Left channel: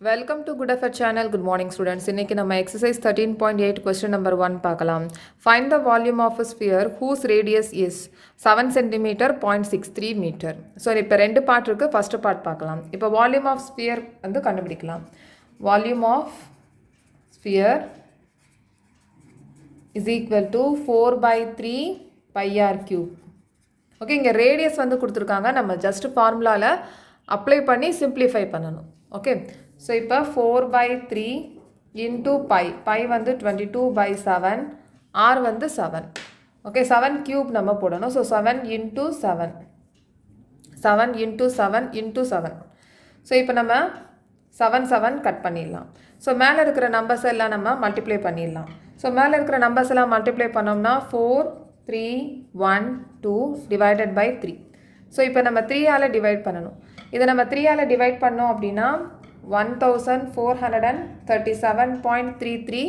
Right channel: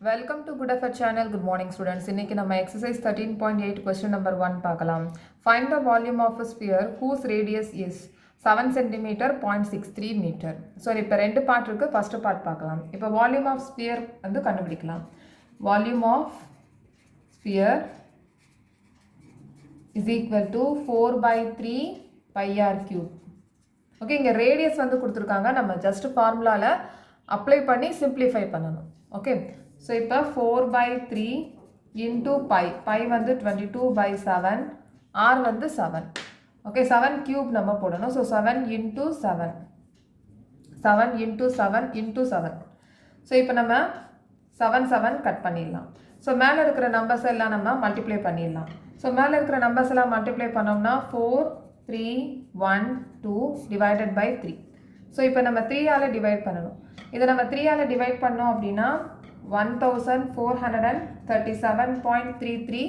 Welcome to Good Effort channel. Good morning students. இன்னைக்கு நம்ம exercise 13.8 question number 1 பார்க்கலாம். Find the volume of a sphere whose radius is 7 cm 0.63 meter. So இப்போ ரெண்டு part இருக்கு. First part பார்க்கலாம். இப்போ volume of sphere வந்து கண்டுபிடிக்கலாம். Volume of sphere is equal to 4 by 3 pi r cube. Okay, இங்க radius வந்து கொடுத்துருக்காங்க. நம்ம ஜஸ்ட் ஃபார்முலால அப்ளை பண்ணி சிம்பிளிஃபை பண்ணணும். ஓகே, ஸோ இப்போ 4 by 3 into pi. pi வந்து 22 by 7, r வந்து 7. ஓகே, 7 cube நம்ம போடணும். So 7 into 7, 7 into 7 into 7. So இப்போ நம்ம 7 கட் பண்ணிடலாம். ஸோ மேலே இருக்கிற நம்பர்ஸ் எல்லாம் நம்ம மல்டிப்ளை பண்ணிடலாம். ஸோ மேலே இருக்கிற நம்பர்ஸ் எல்லாம் மல்டிப்ளை பண்ணோம்னா 4, 3, 1, 2 divided by 3. ஸோ இப்போ நம்ம 3ஆல் டிவைட் பண்ணணும். இதை நம்ம 3ஆல் டிவைட் பண்ணோம் அப்படின்னா 1437.33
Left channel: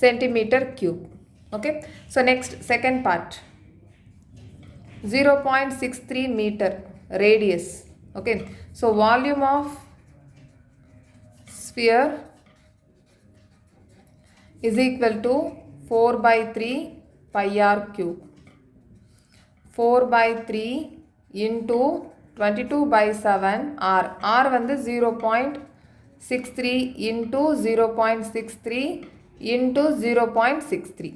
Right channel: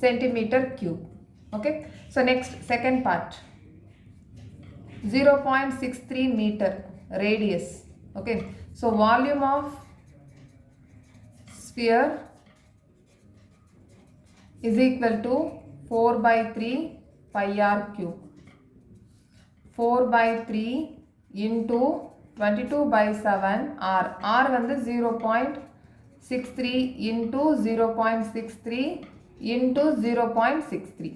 centimeter cube. Okay, so next second part, 0.63 meter radius. Okay, so volume of sphere is equal to 4 by 3 pi r cube. 4 by 3 into 22 by 7 r. r வந்து 0.63 into 0.63 into 0.63.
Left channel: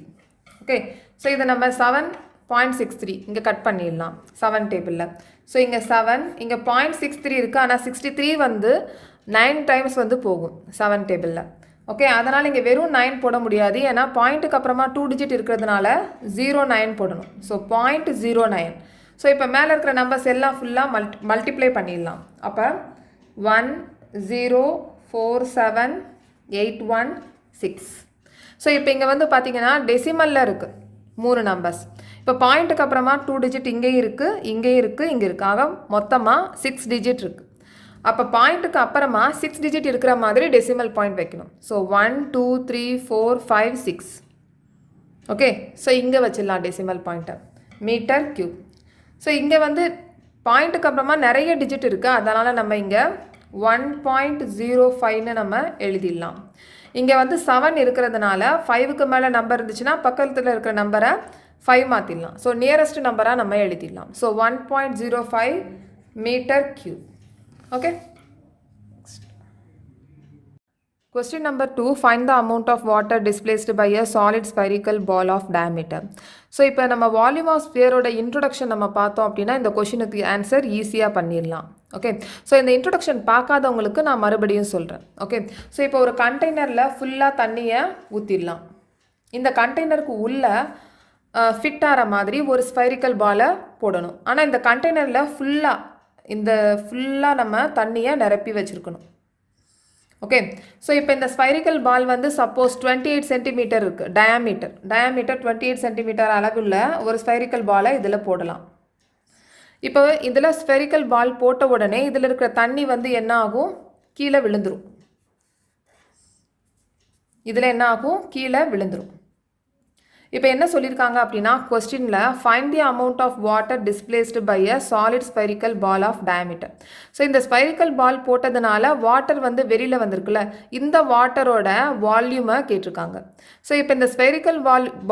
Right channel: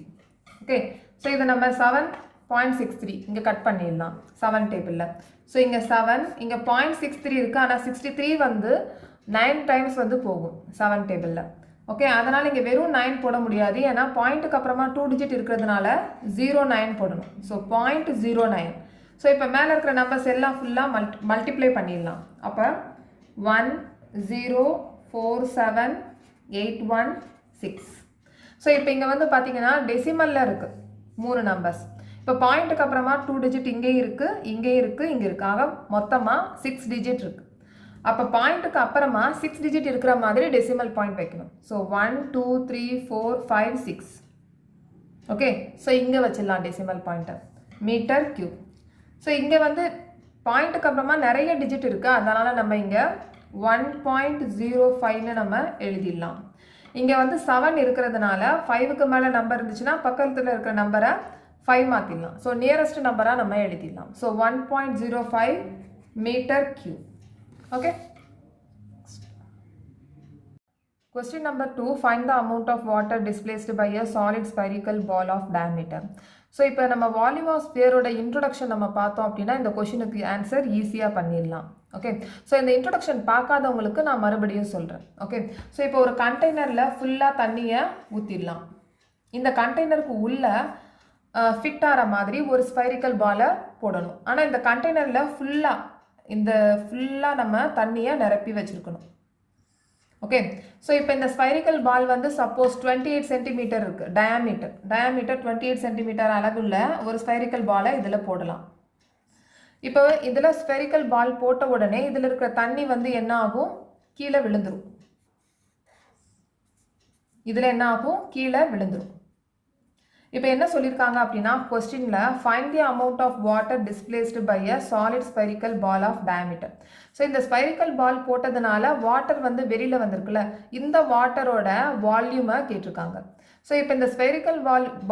Okay, so இதை நம்ம 7.63 இங்கே cut பண்ணிடலாம் 7 டேபிளில். So இங்கே 7, இங்கே 0.63 இருக்குது. ஆனால் 63 வந்து 9 டைம்ஸ் வந்து போகும் 7 டேபிளில். ஓகே, அதனால் இங்கே வெறும் 9 போட முடியாது. ஏன்னா பாயிண்ட்டுக்கு அப்புறமா 2 டிஜிட் இருக்கிறதுனால 09 போடணும். ஸோ 0.09. ஸோ இப்போ மேலே இருக்கிற நம்பர்ஸ் எல்லாம் ஃபுல்லாக மல்டிப்ளை பண்ணிடலாம். அப்போ 1047816. ஸோ இப்போ இங்கே வந்து பார்த்தீங்கன்னா டெசிமலில் இருக்குது 3 நம்பர்ஸ். இப்போ பாயிண்ட்டுக்கு அப்புறமா 2 டிஜிட் இங்கேயும் இருக்குது, இங்கேயும் இருக்குது, இங்கே இருக்குது. ஆக மொத்தமாக 6 டிஜிட் இருக்குது. அப்போ பாயிண்ட்டுக்கு அப்புறமா 6 டிஜிட் இருக்கிற மாதிரி டெசிமல் பாயிண்ட் வைக்கணும். ஸோ 1, 2, 3, 4, 5, 6. ஓகே, ஸோ இங்கே வச்சிடலாம் டெசிமல் பாயிண்ட்டை, மீட்டர் கியூப். ஸோ இங்கே வந்து பாயிண்ட்டுக்கு அப்புறமா நிறைய டிஜிட் இருக்குது. அதனால் நம்ம இங்கே 1.05ன்னு நம்ம எழுதிடலாம். இங்கே வந்து 7 இருக்கிறதுனால 5க்கு மேலே நம்பர் இருந்துச்சுன்னா பக்கத்தில் இருக்கிற நம்பரை 5 மாற்றிடலாம். ஸோ நியரஸ்ட் நம்பராக நம்ம எழுதிடலாம். So 1.05 metre cube. Okay, question number 2, find the amount of water displaced by a solid spherical ball of diameter. So இப்போ நம்ம வால்யூம் ஆஃப் ஸ்பியரோட இன்ட்ரொடக்ஷன் நம்ம பார்த்தோம் அப்படின்னா இந்த கொஷினுக்கு ஆன்சர் ஈஸியாக பண்ணிடலாம். ஓகே, ஸோ இந்த இன்ட்ரொடக்ஷன் பார்க்காதவங்களுக்கு நான் மறுபடியும் சொல்கிறேன். ஓகே, ஸோ இப்போ ஒரு கண்டெய்னரில் ஃபுல்லாக தண்ணியை ஊற்றிடலாம். இந்த கண்டெய்னருக்கு உள்ளே ஃபிட் ஆகிற மாதிரி ஒரு ஸ்பைரிக்கல் பாலை போடணும். ஆனால் இந்த கண்டெய்னரில் ஃபுல்லாக நம்ம தண்ணியை நிரப்பி வச்சுருக்கணும். ஓகே, ஸோ இப்போ இந்த ஸ்பைரிக்கல் பால் வந்து சப்போஸ் 28 சென்டிமீட்டர் இருக்குது டயாமீட்டர் 28 சென்டிமீட்டர் அளவுள்ள ஒரு ஸ்பைரிக்கல் பாலை இதில் போடலாம். இப்போ இதில் ஸ்பெரிக்கல் பால் போட்ட உடனே இதில் இருக்கிற தண்ணி வந்து என்ன ஆகும், கீழே விழுந்துடும். இதில் என்ன ஆகும், கீழே விழுந்துடும். இப்போ என்ன சொல்லியிருக்காங்க அப்படின்னா கொஸ்டினில் find the amount of water displaced by a solid spherical ball of diameter. So இந்த ஸ்பெரிக்கல் பால் போட்டதுனால வாட்டர் வந்து வெளியில் வந்திருக்குல்ல, இந்த வாட்டரோட வால்யூமை கேட்டிருக்காங்க. ஸோ இப்போ இந்த ஸ்பெரிக்கல்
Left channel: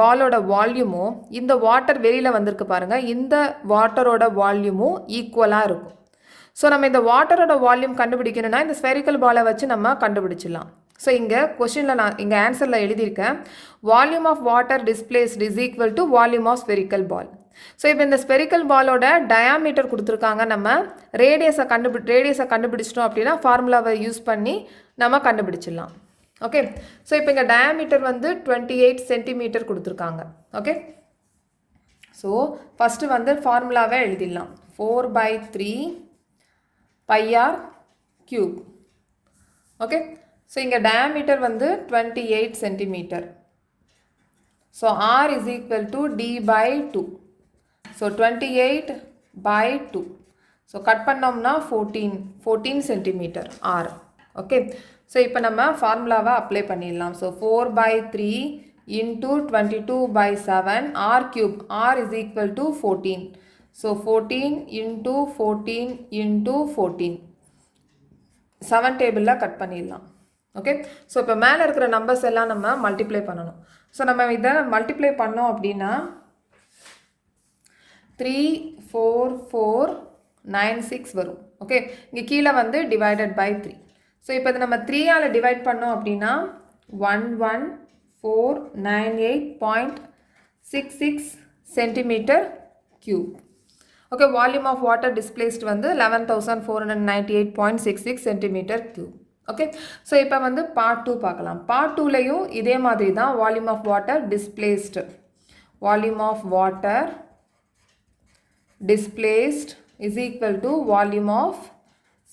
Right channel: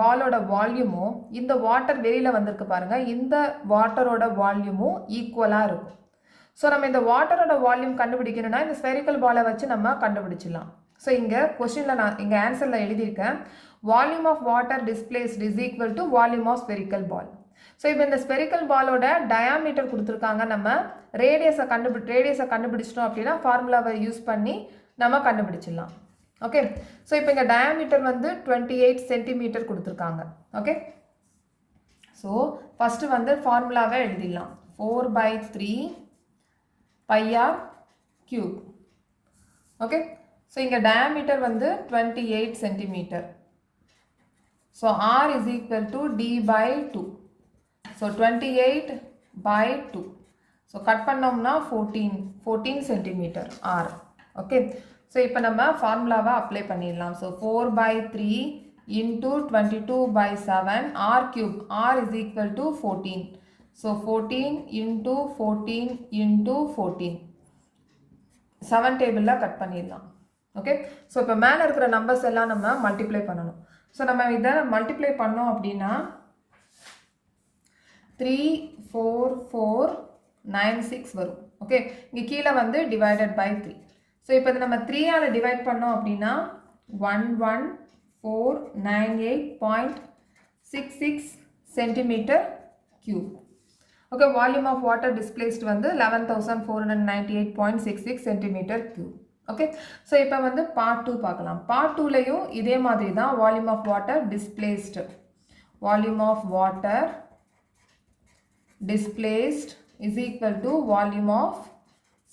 பாலோட வால்யூமும் இந்த வாட்டர் வெளியில் வந்திருக்கு பாருங்கள், இந்த வாட்டரோட வால்யூமும் ஈக்குவலாக இருக்கும். ஸோ நம்ம இந்த வாட்டரோட வால்யூம் கண்டுபிடிக்கணும்னா இந்த ஸ்பெரிக்கல் பாலை வச்சு நம்ம கண்டுபிடிச்சிடலாம். ஸோ இங்கே கொஸ்டினில் நான் இங்கே ஆன்சரில் எழுதியிருக்கேன், volume of water displaced is equal to volume of spherical ball. So இப்போ இந்த ஸ்பெரிக்கல் பாலோட டயாமீட்டர் கொடுத்துருக்காங்க. நம்ம ரேடியஸை கண்டுபிடிச்சிட்டோம் அப்படின்னா ஃபார்முலாவை யூஸ் பண்ணி நம்ம கண்டுபிடிச்சிடலாம். ஓகே, ஸோ இப்போ இங்கே டயாமீட்டர் வந்து 28 சென்டிமீட்டர் கொடுத்துருக்காங்க. ஓகே, ஸோ ஃபஸ்ட்டு வந்து ஃபார்முலாவை எழுதிடலாம். 4 by 3 pi r cube. Okay, so இங்கே டயாமீட்டர் வந்து 28 centimetre. So r is equal to d by 2. So 28 by 2. So cut பண்ணோம்னா 14 சென்டிமீட்டர் r. ஓகே, ஸோ இப்போ நம்ம ஃபார்முலாவை அப்ளை பண்ணிடலாம். So 4 by 3 into 22 by 7 r cube. r is equal to 14. So 14 into 14 into 14. 7 டேபிளில் cut பண்ணிடலாம். Okay, so இப்போ மேலே இருக்கிற நம்பர்ஸ் எல்லாம் நம்ம மல்டிப்ளை பண்ணணும். ஸோ நம்ம இதை மல்டிப்ளை பண்ணோம் அப்படின்னா 34496 வரும். ஓகே, இங்கே கீழே வந்து டிவைடட் பை 3. ஸோ இப்போ இது நம்ம 3ஆல் டிவைட் பண்ணோம் அப்படின்னா 11498.66 centimetre cube. Okay, volume of water displaced வந்து 11498.66 சென்டிமீட்டர் கியூப். ஓகே, ஸோ இப்போ வந்து பார்ட் 2 பார்க்கலாம். பார்ட் 2லையும் இதே மாதிரி தான் volume of water displaced, volume of water displaced is equal to volume of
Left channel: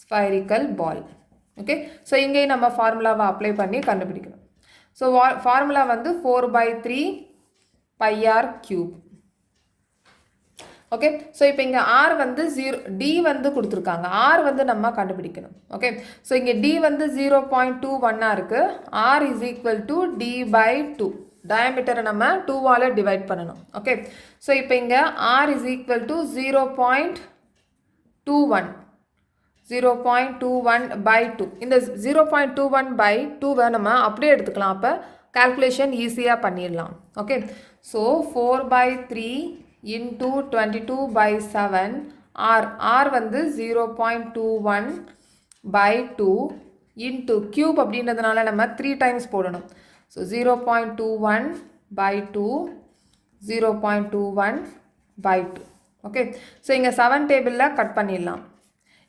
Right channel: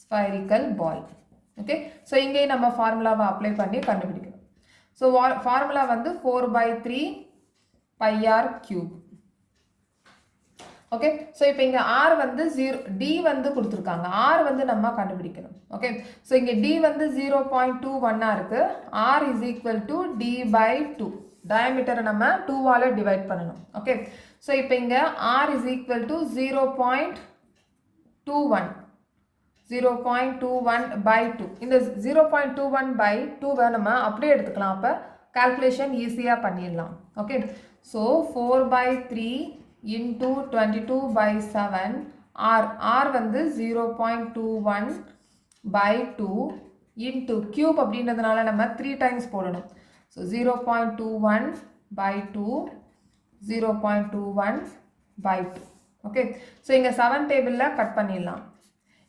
spherical ball. Okay, so இங்கே நம்ம ஃபார்முலாவை அப்ளை பண்ணி கண்டுபிடிக்கணும். ஸோ ஃபார்முலா வந்து 4/3 pi r cube. Okay, so இப்போ இங்கே r வந்து 0, d வந்து கொடுத்துருக்காங்க, r வந்து நம்ம கண்டுபிடிக்கணும். ஓகே, ஸோ இங்கே d வந்து 0.21 இருக்குது. r is equal to d/2. டயமீட்டரை நம்ம 2ஆல் டிவைட் பண்ணணும். ஓகே, ஸோ இப்போ இங்கே r is equal to 0.21/2. இந்த 0.21/2 நம்ம அப்படியே எடுத்துக்கலாம். அப்போ கால்குலேஷன் ஈஸியாக பண்ணிடலாம். ஓகே, ஸோ 4/3 into 22/7 r வந்து 0.21/2 into cube அப்படின்றதுனால நம்ம 3 டைம்ஸ் போடணும். ஸோ 0.21/2 0.21/2. ஓகே, ஸோ இங்கே 7 டேபிளில் கட் பண்ணிடலாம்.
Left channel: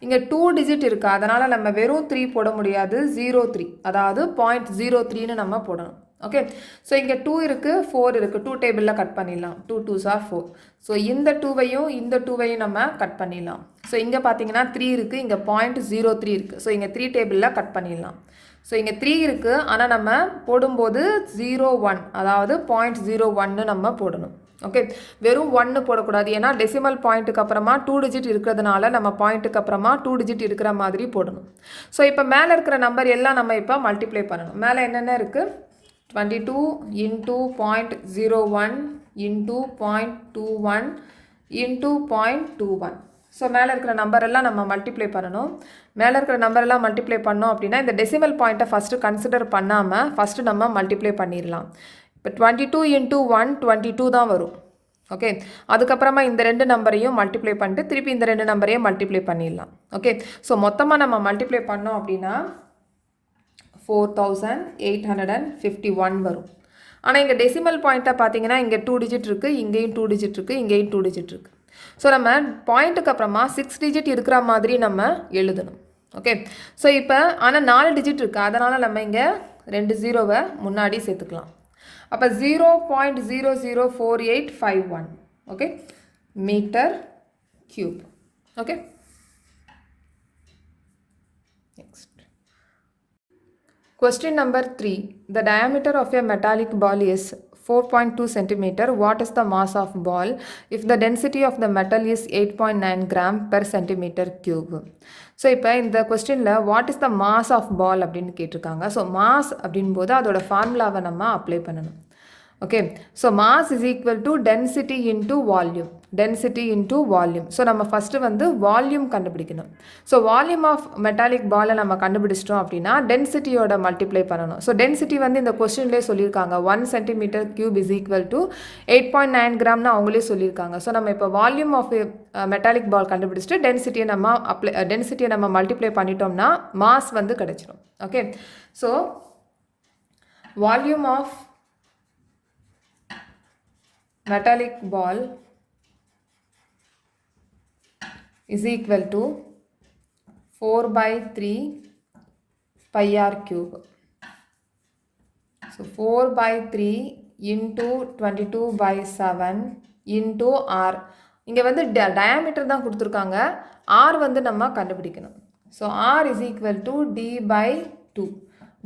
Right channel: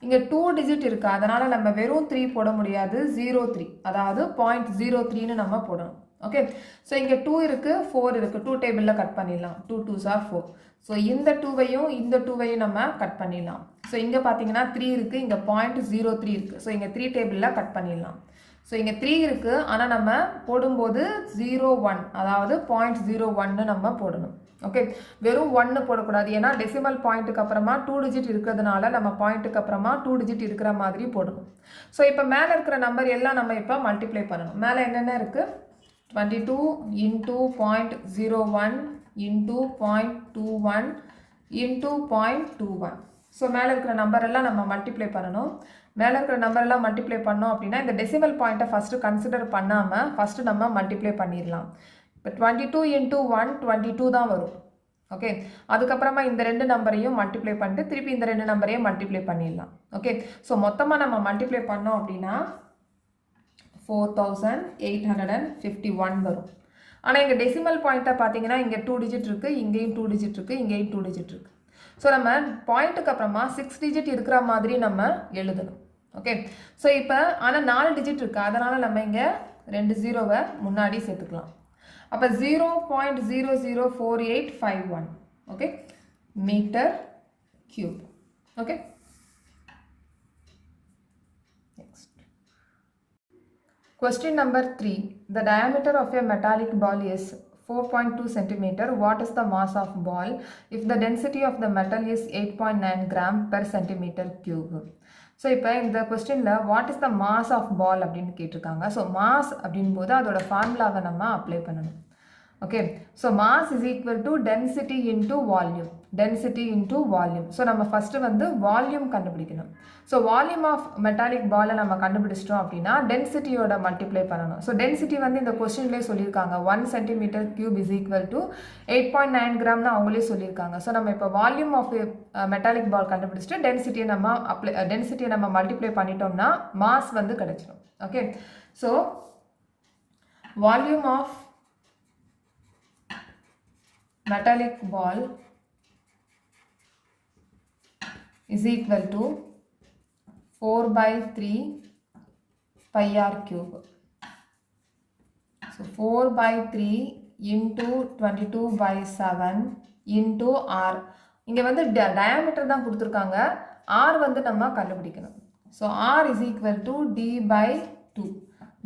இங்கே 2 டிஜிட் இருக்குது, அதனால் நம்ம வெறும் 3 போட முடியாது, 03, அதாவது 0.03ன்னு நம்ம போடணும். ஓகே, ஸோ இங்கே 2 இருக்குது, 4 இருக்குது, 2 டேபிளில் கட் பண்ணிடலாம். 2 2s are 4. ஸோ இந்த 2வையும் இந்த 2வையும் நம்ம கட் பண்ணிடலாம். ஸோ இங்கே பார்த்தீங்கன்னா 3 இருக்குது, இங்கே 0.03 இருக்குது. ஸோ இங்கே 3 டேபிளில் கட் பண்ணிடலாம். ஸோ இங்கே 3 இருக்குது, ஆனால் நம்ம போடும்போது 01, அதாவது 0.01ன்னு நம்ம போடணும். ஓகே, வெறும் 1 போடக்கூடாது, ஏன்னா டெசிமல் பாயிண்ட்டுக்கு அப்புறமா 2 டிஜிட் இருக்கிறதுனால நம்ம பாயிண்ட்டுக்கு அப்புறமா 2 டிஜிட் இருக்கிற மாதிரி போடணும். ஸோ இப்போ மேலே இருக்கிற நம்பர் எல்லாம் நம்ம இப்போ மல்டிப்ளை பண்ணணும். மேலே என்னென்ன இருக்குது? 22 into 0.01 into 0.21 into 0.21. ஸோ மேலே இருக்கிற நம்பர் எல்லாம் நம்ம மல்டிப்ளை பண்ணணும். மேலே இருக்கிற நம்பர் எல்லாம் மல்டிப்ளை பண்ணோம் அப்படின்னா இந்த டெசிமல் பாயிண்ட்டை ஃபஸ்ட்டு கன்சிடர் பண்ணாமல் ஃபஸ்ட்டு நம்ம மல்டிப்ளை பண்ணிடலாம். இப்போ 22 into 1 22 தான் வரும். ஓகே, அதுக்கப்புறமா இந்த 2 நம்பரையும் மல்டிப்ளை பண்ணிட்டு திருப்பி இந்த 2 நம்பரையும் மல்டிப்ளை பண்ணிடலாம். ஓகே, ஸோ மொத்தமாக நம்ம மல்டிப்ளை பண்ணோம் அப்படின்னா 4851 வரும். ஆனால் இங்கே டெசிமல் பாயிண்ட்டை பார்த்தீங்கன்னா இங்கே 2 டிஜிட் இருக்குது, இங்கேயும் 2 டிஜிட் இருக்குது, இங்கேயும் 2 டிஜிட் இருக்குது. ஸோ நம்ம பாயிண்ட்டுக்கு அப்புறமா 6 டிஜிட் இருக்கிற மாதிரி நம்ம எழுதணும். ஓகே, ஸோ இப்போ ஆனால் 4 டிஜிட் இருக்குது, அதனால் நம்ம இங்கே 2 0வை முன்னாடி சேர்த்துக்கலாம். அப்போ 0.004851 okay metre cube. Okay, next question number 3. The diameter of a metallic ball is 4.2 centimeter. What is the mass of ball if the density of the metal is 8.9 gram per centimeter cube? So இப்போ இந்த கொஸ்டினில் what is the mass of ball அப்படின்னு கேட்டிருக்காங்க. So mass அப்படின்போது அதோட ஃபார்முலாவை நம்ம apply பண்ணணும். Okay, so mass is equal to density into volume, density into volume. So நம்ம ஃபஸ்ட்டு வந்து வால்யூம் கண்டுபிடிக்கணும். ஸோ வால்யூம் ஆஃப் மெட்டாலிக் பாலை நம்ம கண்டுபிடிச்சிட்டோம் அப்படின்னா டென்சிட்டியோட மல்டிப்ளை பண்ணணும். ஸோ டென்சிட்டி வந்து இந்த கொஸ்டின்லேயே சொல்லியிருக்காங்க 1 centimetre cube is equal to 8.9 கிராம்னு அவங்களே சொல்லியிருக்காங்க. ஸோ நம்ம இப்போ வால்யூம் ஆஃப் மெட்டாலிக் பால் கண்டுபிடிச்சிட்டு டென்சிட்டியை நம்ம மல்டிப்ளை பண்ணிட்டோம்னா மாஸ் வந்து கிடைச்சிடும். Okay, so volume of metallic ball is equal to 4/3 pi r cube. So 4/3 into 22/7 into r. இங்கே வந்து டயாமீட்டர் தான் கொடுத்துருக்காங்க, r வந்து நம்ம கண்டுபிடிக்கணும். So r is equal to d/2.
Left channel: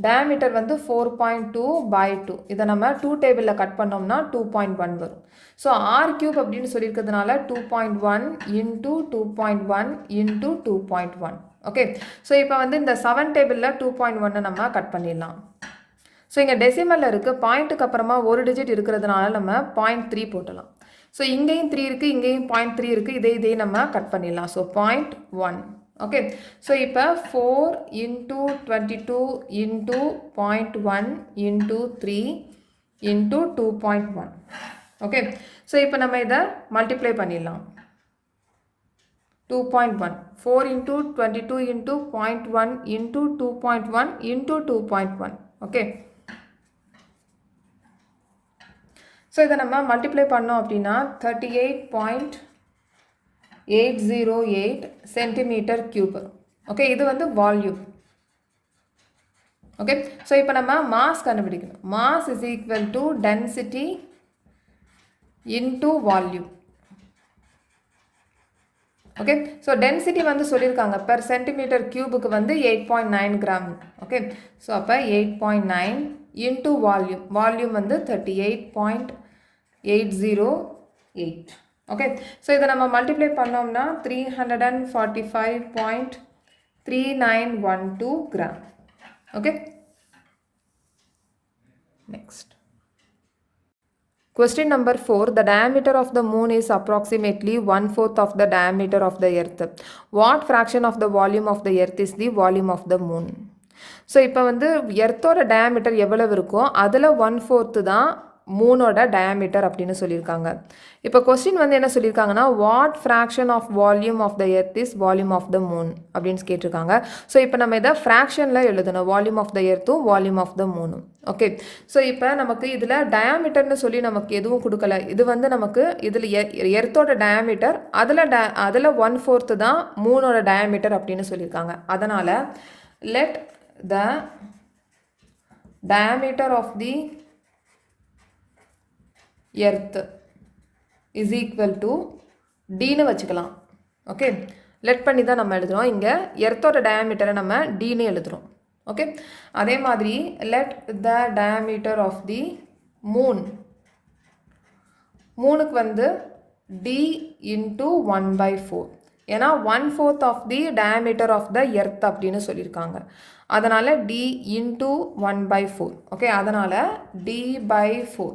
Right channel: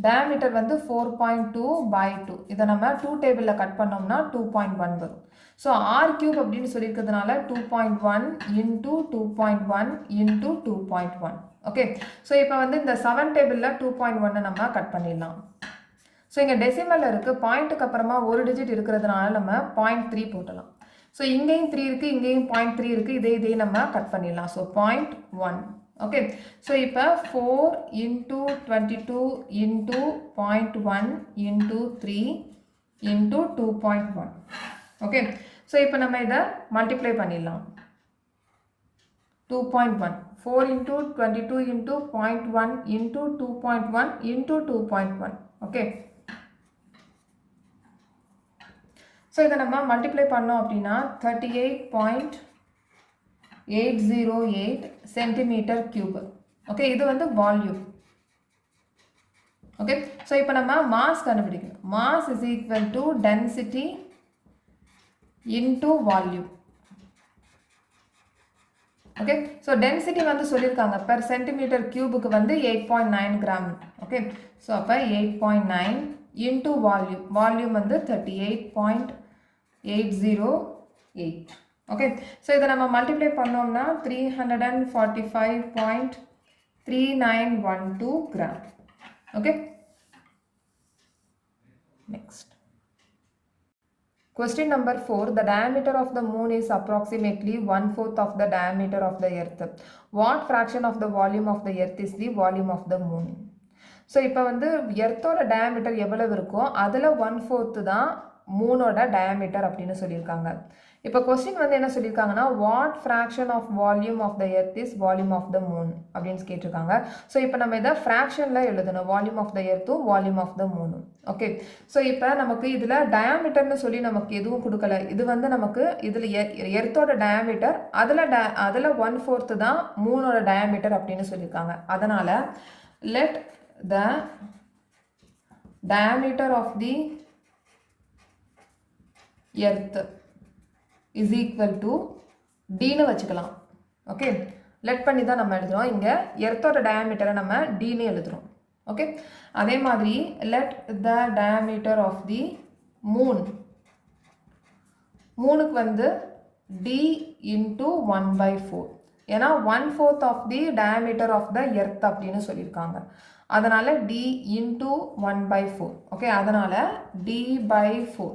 Diameter வந்து 4.2/2. இதை நம்ம 2 டேபிளில் கட் பண்ணோம்னா 2.1 வரும். ஸோ r கியூப் அப்படின்னு சொல்லியிருக்கிறதுனால 2.1 into 2.1 into 2.1. ஓகே, ஸோ இப்போ வந்து இந்த 7 டேபிளில் 2.1 நம்ம கட் பண்ணிடலாம். ஸோ இங்கே டெசிமலில் இருக்குது, பாயிண்ட்டுக்கு அப்புறமா ஒரு டிஜிட் இருக்கிறதுனால நம்ம 0.3 போட்டலாம். ஸோ இங்கேயும் 3 இருக்குது, இங்கேயும் 0.3 இருக்குது, இதே நம்ம கட் பண்ணிடலாம். ஸோ 0.1. ஓகே. ஸோ இப்போ 4 into 22 into 0.1 into 3 into 2.1. Okay. So இப்போ நம்ம இதை மல்டிப்ளை பண்ணிடலாம். 2.1 4 into 22 into 0.1 into 2.1 into 2.1. Okay. So இதை நம்ம மல்டிப்ளை பண்ணோம் அப்படின்னா 38.808 சென்டிமீட்டர் கியூப். ஓகே, இது வந்து வால்யூம். ஓகே. ஸோ இப்போ நம்ம மாஸ் கண்டுபிடிக்கணும். Mass is equal to density into volume. Okay. So density வந்து சொல்லியிருக்காங்க பெர் சென்டிமீட்டர் கியூபுக்கு வந்து 8.9 கிராம். ஓகே. ஸோ அப்போ 8.9 இன்டூ வால்யூம். வால்யூம் வந்து 38.808. ஓகே. ஸோ இதை நம்ம மல்டிப்ளை பண்ணோம்னா 345.3912 gram. Okay. Next question number 4. The diameter of the moon is approximately 1/4 of the diameter of the earth. What fraction of the volume of the earth is the volume of the moon? So இப்போ வந்து எர்த்தோட diameter எவ்வளவு இருக்கோ அதில் 1/4 தான் மூனோட diameter அப்படின்னு சொல்லியிருக்காங்க. இப்போ question வந்து என்ன சொல்லியிருக்காங்கன்னா what fraction of volume of the earth is volume of the moon அப்படின்னு கேட்டிருக்காங்க. ஸோ இப்போ நம்ம இதை ஃப்ராக்ஷனில் எழுதணும். வால்யூம் ஆஃப் த எர்த்தும் வால்யூம் ஆஃப் த மூனும். ஓகே. ஸோ இப்போ நமக்கு இதில் டயாமீட்டர்னு சொல்லி நமக்கு எதுவும் கொடுக்கல. இது வந்து நமக்கு இதில் எர்த்தோட டயாமீட்டர் அதில் 1/4 தான் மூனோட டயாமீட்டர் அப்படின்னு சொல்லியிருக்காங்க. அதனால் let the diameter of the earth is equal to dன்னு வச்சுக்கலாம். ஓகே. லெட் பண்ணி தான் நம்ம எழுதுறோம். இங்கே எர்த்தோட டயாமீட்டரை நம்ம dன்னு எழுதுறோம். ஓகே. அதே மாதிரி let the diameter of the moon, மூனுக்கு வந்து d into 1/4. ஏன்னா 1/4 of the diameter of the earth அப்படின்னு சொல்லியிருக்காங்க. அதனால் d இன்டூ 1/4. ஓகே. அதனால் d/4.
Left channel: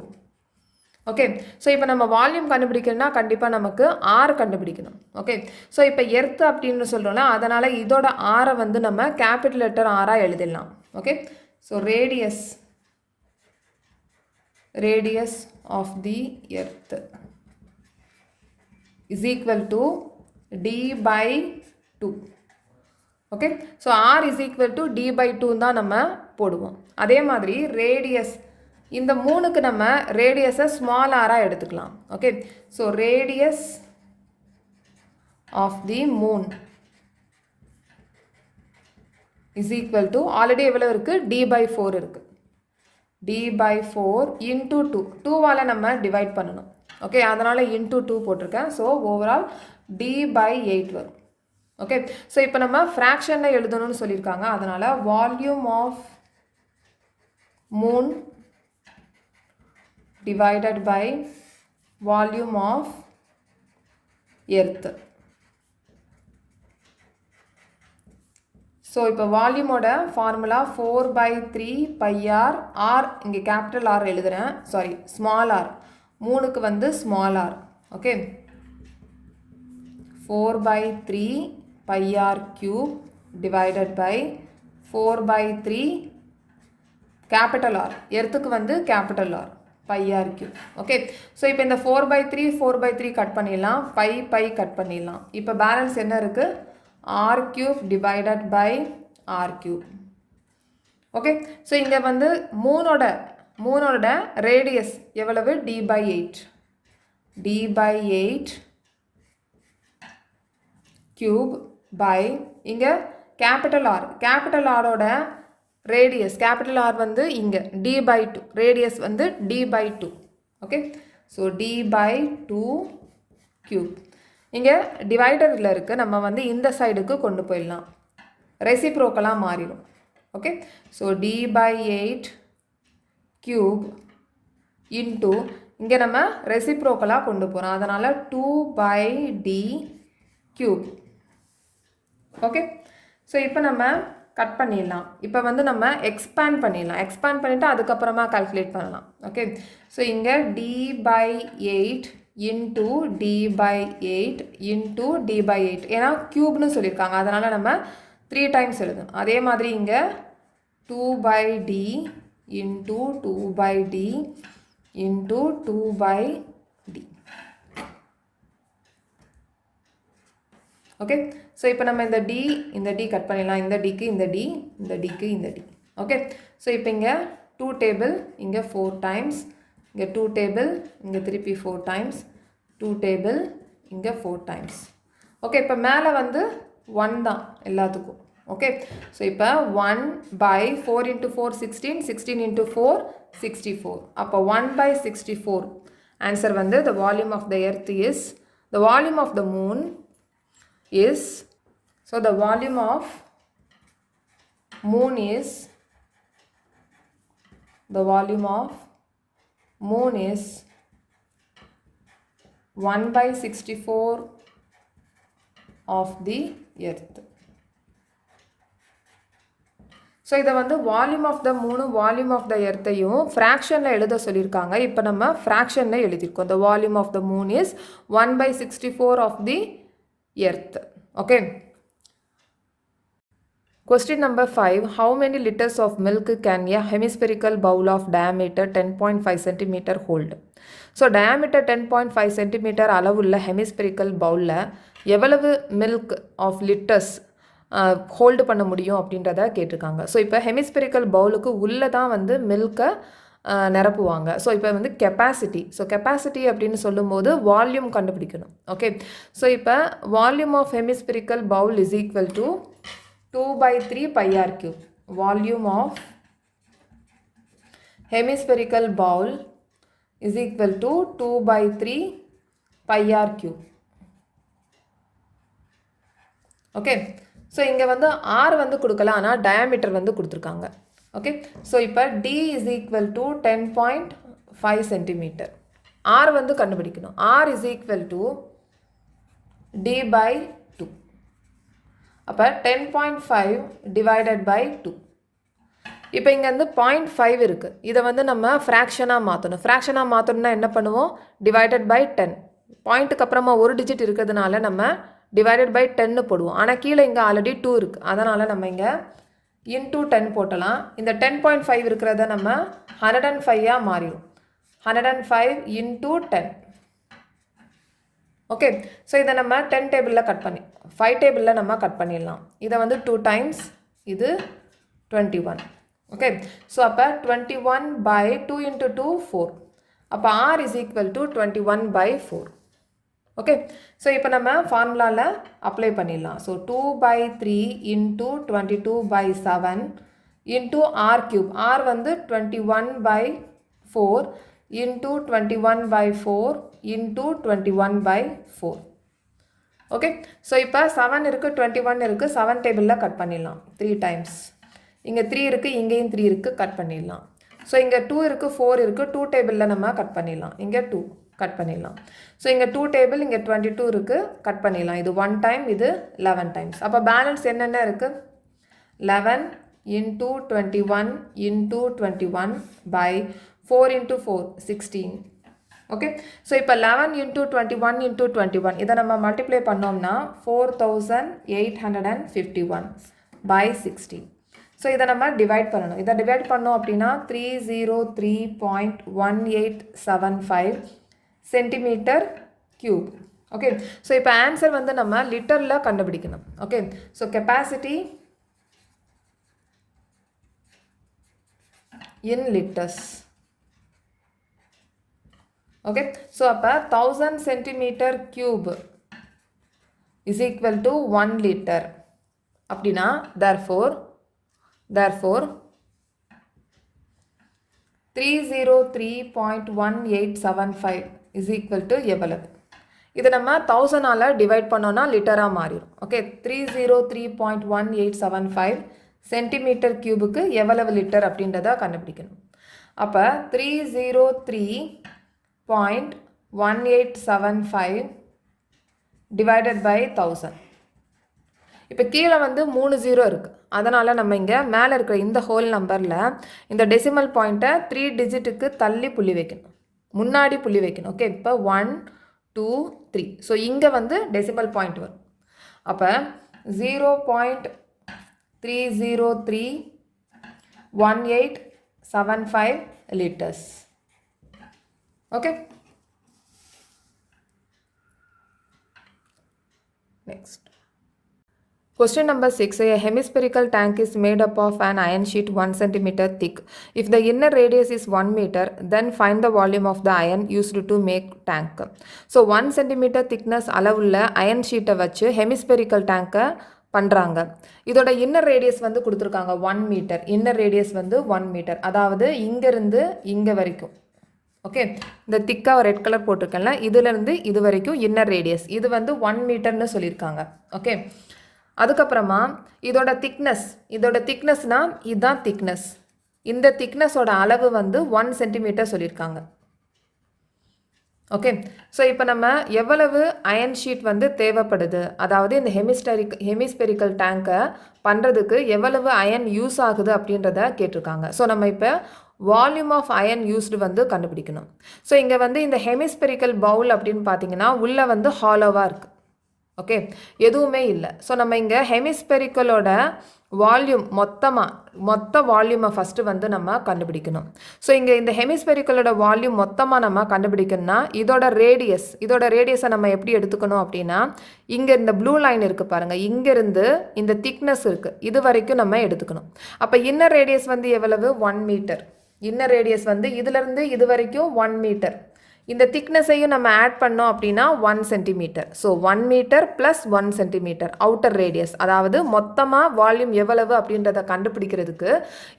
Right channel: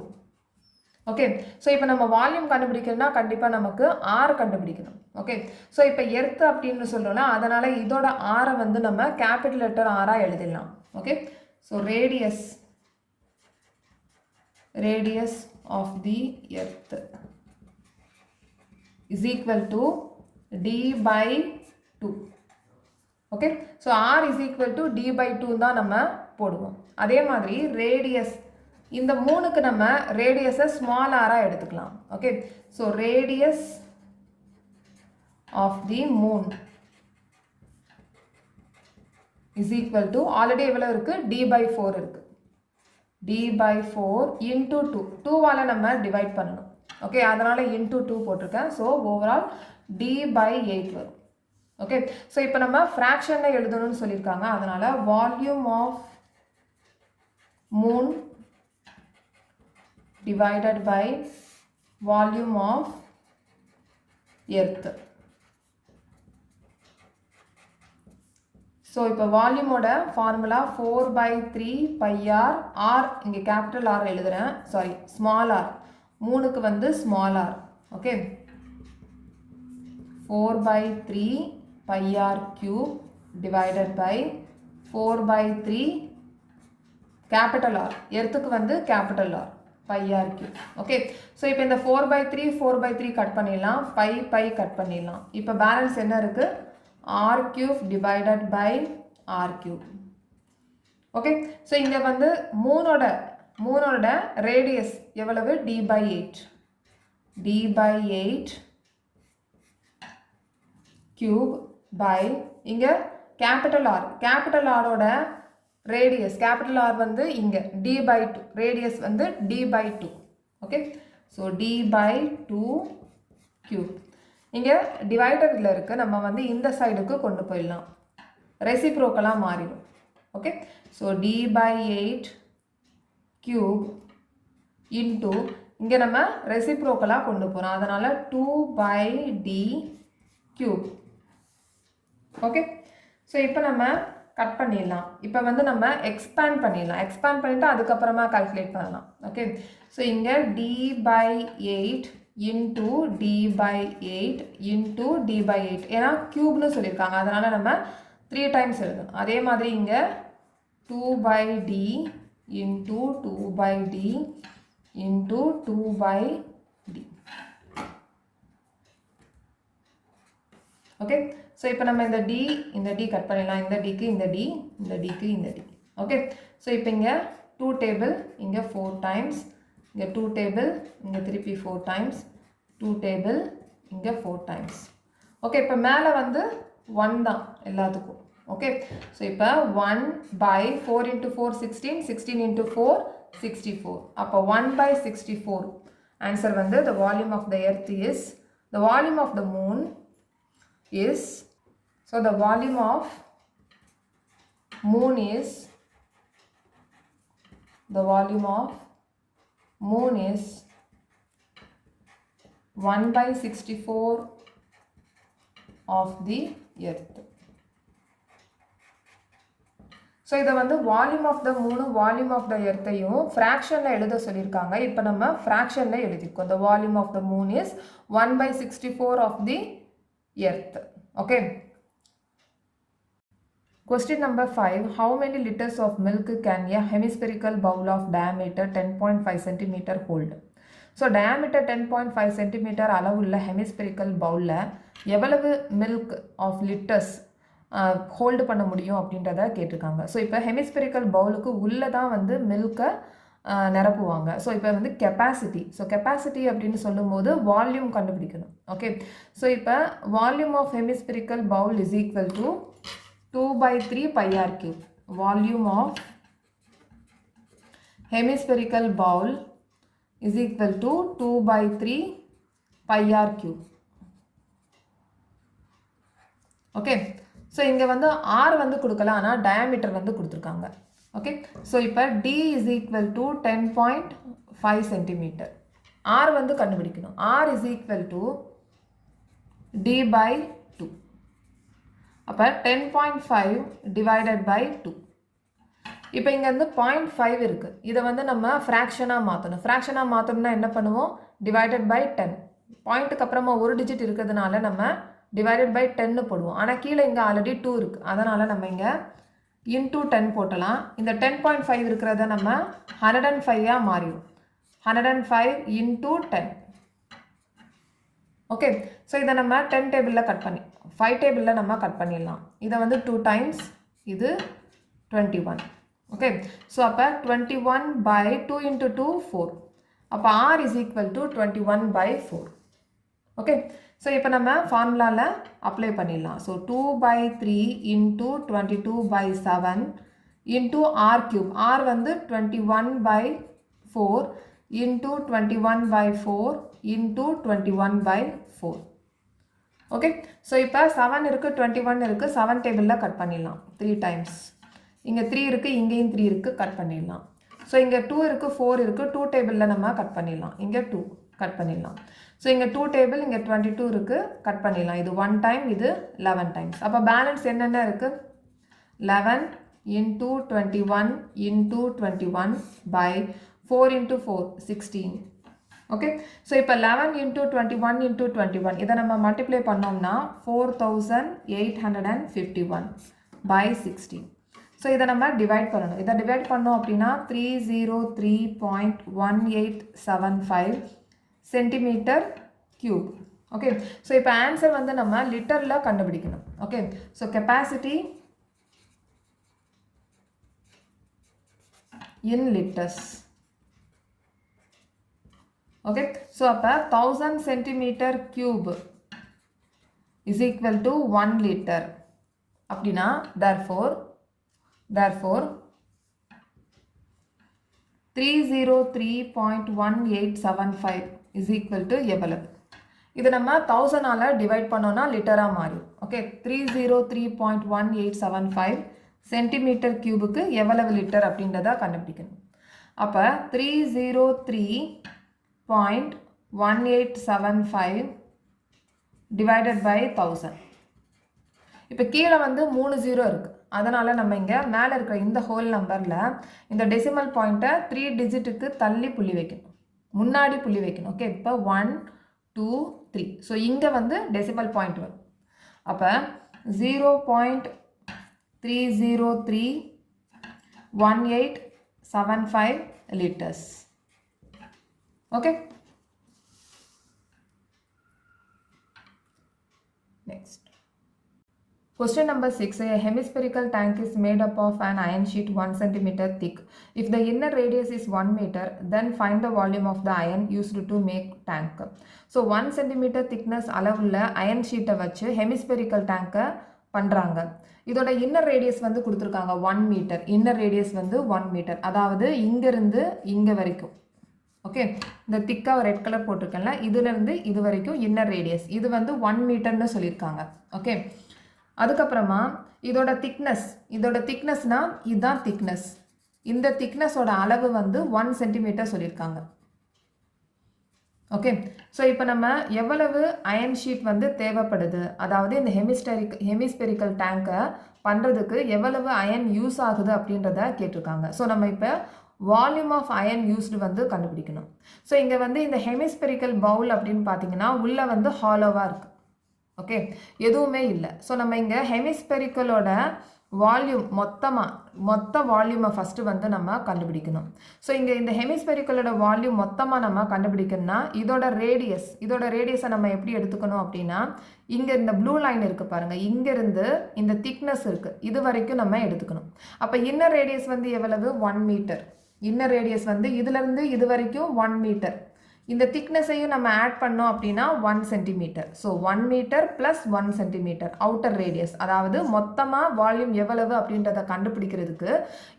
ஓகே. ஸோ இப்போ நம்ம வால்யூம் கண்டுபிடிக்கணும்னா கண்டிப்பாக நமக்கு ஆர் கண்டுபிடிக்கணும். ஓகே. ஸோ இப்போ எர்த் அப்படின்னு சொல்கிறோம்ல, அதனால் இதோட ஆரை வந்து நம்ம கேபிட்டல் லெட்டர் ஆராக எழுதிடலாம். Okay. So radius of the earth is equal to d/2. Okay. So r is equal to d/2 தான் நம்ம போடுவோம். அதே மாதிரி ரேடியஸ், இந்த மூணுக்கு நம்ம ரேடியஸை ஸ்மால் ஆராக எடுத்துக்கலாம். Okay. So radius of the moon is equal to already எவ்வளோ இருக்குது, d/4 இருக்குது. d/4 into 2. 2வால் நம்ம டிவைட் பண்ணணும். ஓகே. அதனால் இன்டூ 2 போட்டிருக்கேன். ஸோ ஓவரால் d/8 வரும். ஓகே. ஸோ இப்போ நம்ம ஃப்ராக்ஷனில் எழுதணும்னு சொல்லியிருக்காங்க. அதனால் volume of moon divided by volume of earth. So இப்போ வால்யூமோட ஃபார்முலா 4/3 πr. ஆர் இங்கே கேபிட்டல் ஆர் எழுதுகிறேன், சாரி ஸ்மால் ஆர். மூணுக்கு வந்து small R. Okay. 4/3 πr cube divided by 4/3 capital R. எர்த்துக்கு வந்து capital R πr cube. Okay. So இப்போ இந்த 4/3 கட் பண்ணிடலாம், பை கட் பண்ணிடலாம். இப்போ பேலன்ஸ் என்ன இருக்குது, r cube divided by r cube. Okay. So இங்கே வந்து மூணோட ரேடியஸ் எவ்வளவு, d/8 cube by இங்கே கேபிட்டல் ஆர். கேபிட்டல் ஆரோட ரேடியஸ், கேபிட்டல் ஆர் வந்து இங்கே d/2, ரேடியஸ் வந்து d/2. Okay. So d/2 cube. இங்கே டிவைடரில் இருக்குது, நம்ம வந்து இந்த சைடுக்கு கொண்டு போயிடலாம், ரெசிப்ரோக்கலாக மாறிடும். Okay. So d/8 cube into இங்கே நம்ம ரெசிப்ரோக்கலாக கொண்டு போகிறோம், அதனால் 2/d cube. ஓகே. ஸோ இப்போ நம்ம கட் பண்ணிடலாம். இப்போ வந்து நம்ம எக்ஸ்பேண்ட் பண்ணிடலாம். எக்ஸ்பேண்ட் பண்ணிவிட்டு அதுக்கப்புறமா கால்குலேட் பண்ணலாம். ஓகே. ஸோ இங்கே d/8 into D by 8 into D by 8. ஏன்னா க்யூப்னு சொல்லியிருக்காங்க, அதனால் நம்ம 3 டைம்ஸ் எழுதணும். அதே மாதிரி இங்கே 2 by D into 2 by D into 2 by D. Okay, so இப்போ நம்ம இந்த டி கட் பண்ணிடலாம். இந்த டிக்கு இந்த டி, இந்த டிக்கு இந்த டி. ஓகே, ஸோ இப்போ இங்கே 2 டேபிள், இங்கே 4 டைம்ஸ், இங்கே 2 டேபிள், இங்கே திருப்பி 4 டைம்ஸ், 2 டேபிள், இங்கே 4 டைம்ஸ். ஓகே, இப்போ மேலே வந்து 1 தான் எல்லாத்துக்கும். ஓகே, ஸோ இப்போ 1 பை 4 இன்ட்டு 4 16, 16 இன்ட்டு 4 64. அப்போ 1 by 64. ஆன்சர் வந்து the volume of the earth is, the volume of the moon is, so the volume of moon is, the volume of moon is 1 by 64 of the earth. So இதை வந்து volume of த மூணு volume of த எர்த்தையும் ஃப்ராக்ஷனில் எழுத சொல்லியிருக்காங்க. இப்போ நம்ம ஃப்ராக்ஷனில் எழுதியிருக்கோம். The volume of the moon is 1 by 64 of the earth. Okay. Question number 5. How many liters of milk can a hemispherical bowl of diameter 10.5 cm hold? So diameter 10.5 cm அளவுள்ள hemispherical bowlல எவ்வளவு milk of liters hold பண்ண முடியும் அப்படின்றத கேட்டிருக்காங்க. So இப்போ hemispherical பவுலுக்கு உள்ளே தான் வந்து மில்கை நிரப்புவாங்க. ஸோ இப்போ வந்து கெப்பாசிட்டி, ஸோ கெப்பாசிட்டி அப்படின்னு சொல்லும்போது வால்யூம் கண்டுபிடிக்கணும். ஓகே, ஸோ இப்போ volume of hemispherical bowl is equal to 2/3 πr cube. Volume of hemispherical bowl is equal to 2/3 πr cube. Okay, so இங்கே வந்து ஆர் வந்து கொடுக்கலாம், ஆனால் டயாமீட்டர் வந்து கொடுத்துருக்காங்க. ஓகே, ஸோ இப்போ d is equal to 10.5 centimetre. R வந்து கண்டுபிடிக்கணும். R is equal to d by 2. அப்போ 10.5 டிவைடட் பை 2. இப்போ இங்கே வந்து 0.5 இருக்குது. இதை வந்து நம்ம ஃப்ராக்ஷனாக மாற்றணும். ஃப்ராக்ஷனாக மாற்றணும்னா என்ன பண்ணுவோம்? Divided by 10. பாயிண்ட்டுக்கு அப்புறமா ஒரு டிஜிட் இருக்கிறதுனால நம்ம டிவைடட் பை 10 போடுவோம். ஆனால் கீழே இங்கே ஆல்ரெடி 2 இருக்குது, அதனால் நம்ம இங்கே இன்டூ 10 போட்டலாம். இந்த 10.5 இருக்கிறத நம்ம 105 மாறிடும். 105 இன்டூ 10. ஓகே, ஸோ இதை நம்ம 10 டேபிளில் கட் பண்ணி 5 டேபிளில் நம்ம கட் பண்ணிடலாம். இதை வந்து 2 டைம்ஸ், இது 21. ஓகே, ஸோ அப்போ 21 by 2 into 2 4. அப்போ r is equal to 21 by 4. Okay, so இப்போ நம்ம ஃபார்முலாவில் அப்ளை பண்ணிடலாம். So 2/3 into 22 by 7 into R cube. R வந்து 21/4 இன்டூ 21/4 இன்டூ 21/4. ஓகே, ஸோ இப்போ 7 இருக்குது, 21 இருக்குது, 7 டேபிளில் கட் பண்ணிடலாம் 3 டைம்ஸ். இங்கே 3 இருக்குது, இங்கேயும் 3 இருக்குது, கட் பண்ணிடலாம். ஸோ இங்கே 2 இருக்குது, 4 இருக்குது, 2 டேபிளில் நம்ம கட் பண்ணிடலாம். இங்கே 2 கட் பண்ணிடலாம். ஸோ இங்கே 2 டேபிள், இங்கே 22 இருக்குது, கட் பண்ணிடலாம். இது 1 டைம், இது 11 டைம்ஸ். அப்போ பேலன்ஸ் என்னென்ன இருக்குது? 11 into 21 into 21 by 4 into 4 16. Okay, so இப்போ 11 இன்டூ 21 இன்டூ 21 இதை நம்ம மல்டிப்ளை பண்ணோம்னா 4851 பை 60. ஸோ இதை நம்ம டிவைட் பண்ணணும். இதை டிவைட் பண்ணோம் அப்படின்னா 303.1875 சென்டிமீட்டர் கியூப். ஓகே, ஸோ இப்போ ஆன்சர் வந்து நம்ம லிட்டரில் கண்டுபிடிக்கணும். ஓகே, ஸோ கெப்பாசிட்டி இன் லிட்டர்ஸ். ஓகே, ஸோ அப்போ 1000 centimetre cube is equal to 1 litre அப்படின்னா therefore 303.1875 is equal to எவ்வளவு? இது நம்ம 1000ஆல் டிவைட் பண்ணோன்னா லிட்டராக மாறிடும். ஓகே, 303.1875 சென்டிமீட்டர் கியூபுக்கு எவ்வளவு லிட்டர் அப்படின்றத கண்டுபிடிக்கணும். அப்போ 303.1875 டிவைடட் பை 1000. இப்போ கீழே வந்து 3 0 இருக்குது, அதனால் நம்ம இங்கே மேலே இருக்கிற இந்த ஹோல் நம்பரில் இந்த டெசிமல் பாயிண்ட்டை 3 டிஜிட்டுக்கு தள்ளி புள்ளி வைக்கணும், முன்னாடி புள்ளி வைக்கணும். ஓகே, இப்போ 1 0.223. ஸோ இங்கே வந்து டெசிமல் பாயிண்ட் வரும். அப்போ 0.3031875 liters. Okay. Next. Question number 6. A hemispherical tank is made up of an iron sheet 1 cm thick. If the inner radius is 1 meter, then find the volume of the iron used to make tank. So 1 cm thickness அளவுள்ள iron sheet வச்சு hemispherical tank பண்றாங்க. இதோட inner radius வந்து கொடுத்துருக்காங்க 1 metre. Inner radius வந்து 1 metre, அதாவது இங்கிருந்து இங்கே வரைக்கும். ஓகே, இந்த திக்காக ரெட் கலர் போட்டிருக்கேன்ல, இதுலேருந்து இது வரைக்கும் இன்னர் ரேடியஸ், இது வந்து 1 மீட்டர்னு சொல்லியிருக்காங்க. ஓகே, அதுக்கப்புறமா இதோட திக்னஸ்னால் இதுதான் திக்னஸ். இந்த திக்னஸோட அளவு வந்து 1 சென்டிமீட்டர் சொல்லியிருக்காங்க. ஓகே, ஸோ இப்போ நம்ம எவ்வளவு அயன் ஷீட் வந்து தேவைப்படுது, அதாவது இந்த ஹெமிஸ்பெரிக்கல் டேங்கை பண்ணுறதுக்கு எவ்வளவு அயன் யூஸ் ஆகுது அப்படின்றத கேட்டிருக்காங்க. ஸோ நம்ம இப்போ வால்யூம் ஆஃப் அயன் யூஸ்டு வந்து கண்டுபிடிக்கணும். ஸோ இங்கே வந்து இந்த ஹெமிஸ்பெரிக்கல் பவுல் அப்படின்னு பார்த்தீங்கன்னா உள்ளே வந்து ஹாலோவாக இருக்குது. ஓகே, எதுவுமே இல்லை. ஸோ நம்ம இங்கே ஹெமிஸ்பெரிக்கலோட வால்யூம் மொத்த வால்யூமை ஃபஸ்ட்டு வந்து நம்ம கண்டுபிடிக்கணும். ஸோ இங்கே இந்த ஹெமிஸ்பெரிக்கலோட வால்யூம் மொத்தமாக நம்ம கண்டுபிடிக்கணும்னா இதோட ரேடியஸை நம்ம எப்படி எடுத்துக்கணும் அப்படின்னா, இங்கே இந்த ப்ளூ லைன் இருக்குது பாருங்கள், இங்கேருந்து இந்த திக்னஸ் இருக்குது, இது வரைக்கும் நம்ம எடுத்துக்கணும். அப்போ இன்னர் ரேடியஸ் வந்து எவ்வளவு? 1 மீட்டர். இன்னர் ரேடியஸ் வந்து இதிலேருந்து இது வரைக்கும் 1 மீட்டர். இந்த திக்னஸையும் நம்ம ஆட் பண்ணோம் அப்படின்னா 1 centimetre. So 1 metre plus 1 centimetre outer radius, அதாவது மொத்தமாக வால்யூம் எவ்வளவு அப்படின்றத கண்டுபிடிக்கிறதுக்கு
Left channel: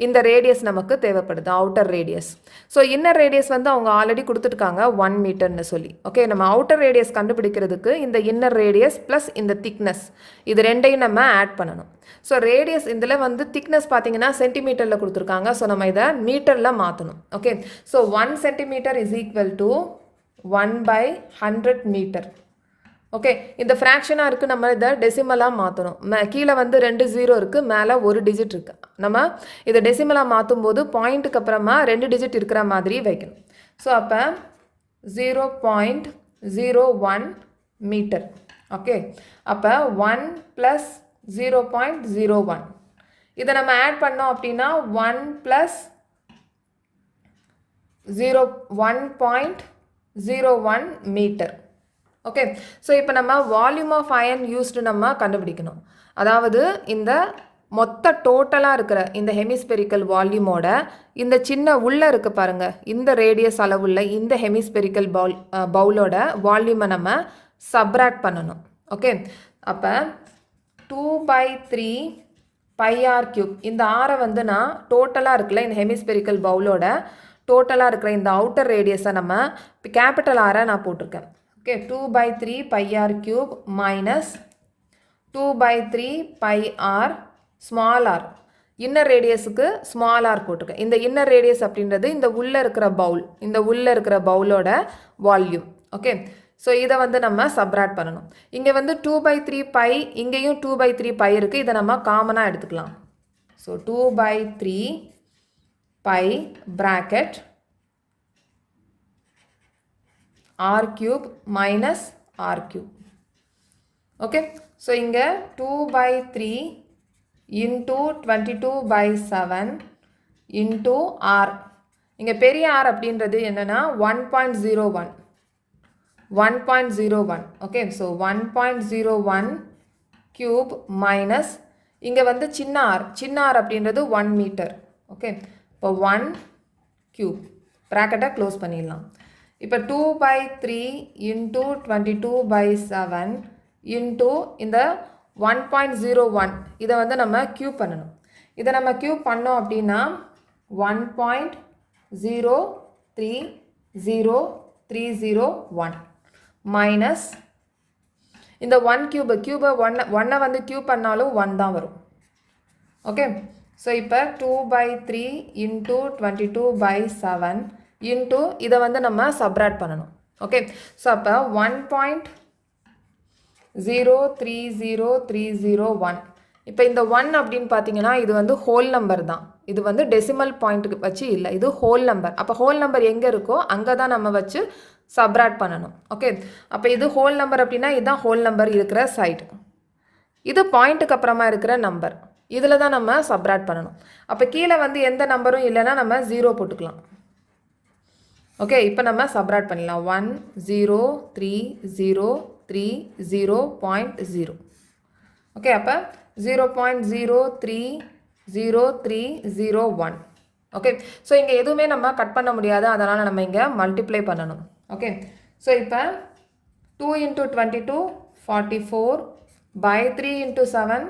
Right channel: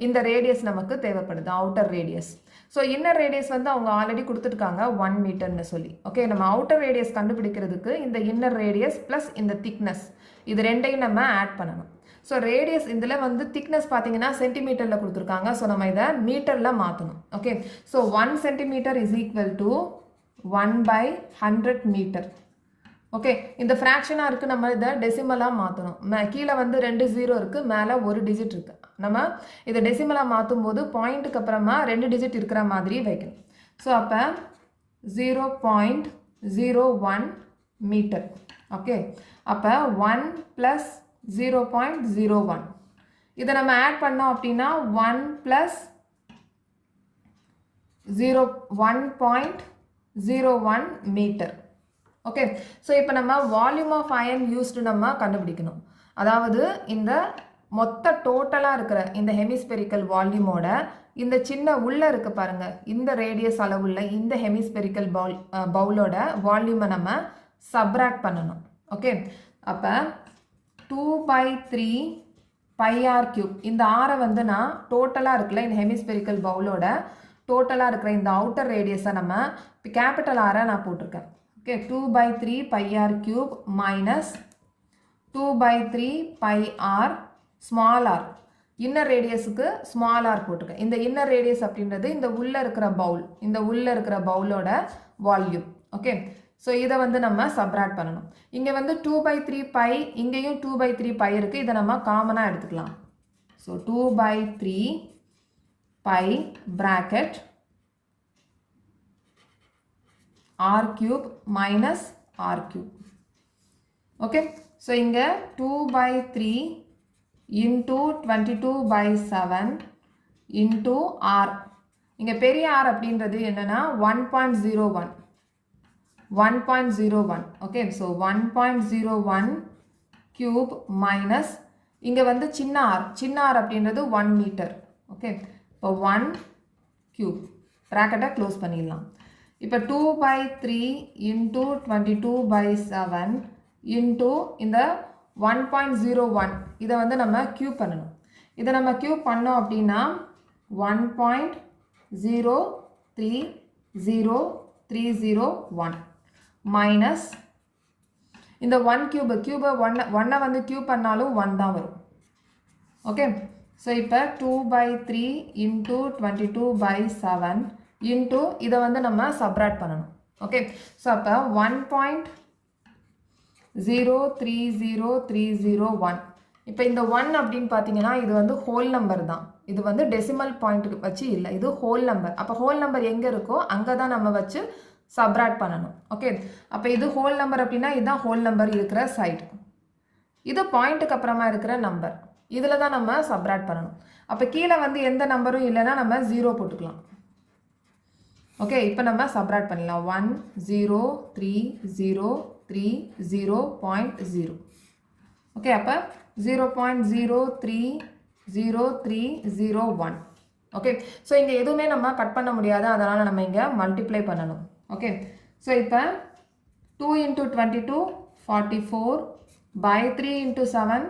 இந்த ரேடியஸ் நமக்கு தேவைப்படுது, outer radius. So inner radius வந்து அவங்க ஆல்ரெடி கொடுத்துருக்காங்க 1 மீட்டர்னு சொல்லி. ஓகே, நம்ம அவுட்டர் ரேடியஸ் கண்டுபிடிக்கிறதுக்கு இந்த இன்னர் ரேடியஸ் ப்ளஸ் இந்த திக்னஸ், இது ரெண்டையும் நம்ம ஆட் பண்ணணும். ஸோ ரேடியஸ் இதில் வந்து திக்னஸ் பார்த்தீங்கன்னா சென்டிமீட்டரில் கொடுத்துருக்காங்க. ஸோ நம்ம இதை மீட்டரில் மாற்றணும். Okay, so 1 centimetre is equal to 1/100 metre. Okay, இந்த ஃப்ராக்ஷனாக இருக்குது, நம்ம இதை டெசிமலாக மாற்றணும். கீழே வந்து 2 0 இருக்குது, மேலே 1 டிஜிட் இருக்குது. நம்ம இதை டெசிமலாக மாற்றும் போது பாயிண்ட்டுக்கு அப்புறமா 2 டிஜிட் இருக்கிற மாதிரி வைக்கணும். ஸோ அப்போ 0.01 மீட்டர். ஓகே, அப்போ 1 + 0.01 இதை நம்ம ஆட் பண்ணோம் அப்படின்னா 1 + 1.01 மீட்டர். ஓகே, ஸோ இப்போ நம்ம வால்யூம் ஆஃப் அயன் யூஸ்டு நம்ம கண்டுபிடிக்கணும். அதாவது இந்த மொத்த டோட்டலாக இருக்கிற இந்த ஹெமிஸ்பெரிக்கல் வால்யூமோட இந்த சின்ன உள்ளே இருக்குது பாருங்கள், இந்த ரேடியஸ் அளவுள்ள இந்த ஹெமிஸ்பெரிக்கல் பவுலோட வால்யூமை நம்ம சப்ராக்ட் பண்ணணும். ஓகே, அப்போ 2/3 πr3. இந்த ஆரை வந்து நான் டோட்டலாக இருக்குல்ல இந்த ஹெமிஸ்பெரிக்கல் பவுலோட டோட்டலாக இருக்கிற இந்த அவுட்டர் ரேடியஸை நம்ம கேபிட்டல் ஆரை நான் போட்டிருக்கேன். Okay, 2/3 πr3 minus 2/3 πr small R. Inner ரேடியஸுக்கு ஸ்மால் ஆர் போட்டிருக்கேன். இந்த இன்னர் ரேடியஸ் அப்படின்றது இந்த உள்ளே இருக்கிற பவுலோட வால்யூம். ஓகே, ஸோ இதை வந்து நம்ம சப்ராக்ட் பண்ணணும். இங்கே வந்து 2/3 π, இங்கேயும் 2/3 π இருக்குது, இதை நம்ம காமனாக எடுத்துக்கலாம். So 2/3 π bracket r³ minus r³. Okay, so இங்கே 2/3 into 22/7 into r. இங்கே பெரிய r அப்படின்றது என்னென்னா 1.01. ஓகே, ஸோ 1.01 கியூப் மைனஸ் இங்கே வந்து சின்ன ஆர் அப்படின்றது 1 மீட்டர். ஓகே, இப்போ 1 கியூப் ப்ராக்கெட்டை க்ளோஸ் பண்ணிடலாம். இப்போ 2/3 into 22/7 into இந்த 1.01 இதை வந்து நம்ம கியூப் பண்ணணும். இதை நம்ம கியூப் பண்ணோம் அப்படின்னா 1.03031 மைனஸ் இந்த 1 கியூபை 1 வந்து கியூப் பண்ணாலும் 1 தான் வரும். ஓகே, ஸோ இப்போ 2/3 into 22/7 into இதை வந்து நம்ம சப்ராக்ட் பண்ணணும். ஓகே, ஸோ அப்போ 1.03031. இப்போ இந்த 1 அப்படின்னு பார்த்தீங்கன்னா இது வந்து ஹோல் நம்பர் தான், இது வந்து டெசிமல் பாயிண்ட்டுக்கு வச்சு இல்லை, இது ஹோல் நம்பர். அப்போ ஹோல் நம்பர் எங்கே இருக்கோ அங்கே தான் நம்ம வச்சு சப்ராக்ட் பண்ணணும். ஓகே, அப்போ இது ஹோல் நம்பர் அப்படின்னா இதுதான் ஹோல் நம்பர் இருக்கிற சைடு, இது பாயிண்ட்டுக்கு அப்புறமா இருக்கிற நம்பர், இதில் தான் நம்ம சப்ராக்ட் பண்ணணும். அப்போ கீழே வந்து எந்த நம்பரும் இல்லைன்னா நம்ம 0 போட்டுக்கலாம். ஓகே, இப்போ நம்ம சப்ராக்ட் பண்ணலாம். 1 0 3 0 3 0.0. ஓகே, அப்போ 0.030301. ஓகே, ஸோ இங்கே எதுவுமே நம்ம கட் பண்ண முடியாது, அதனால் நம்ம இங்கே மல்டிப்ளை பண்ணணும். ஓகே, ஸோ இப்போ 2 into 22 44 by 3 into 7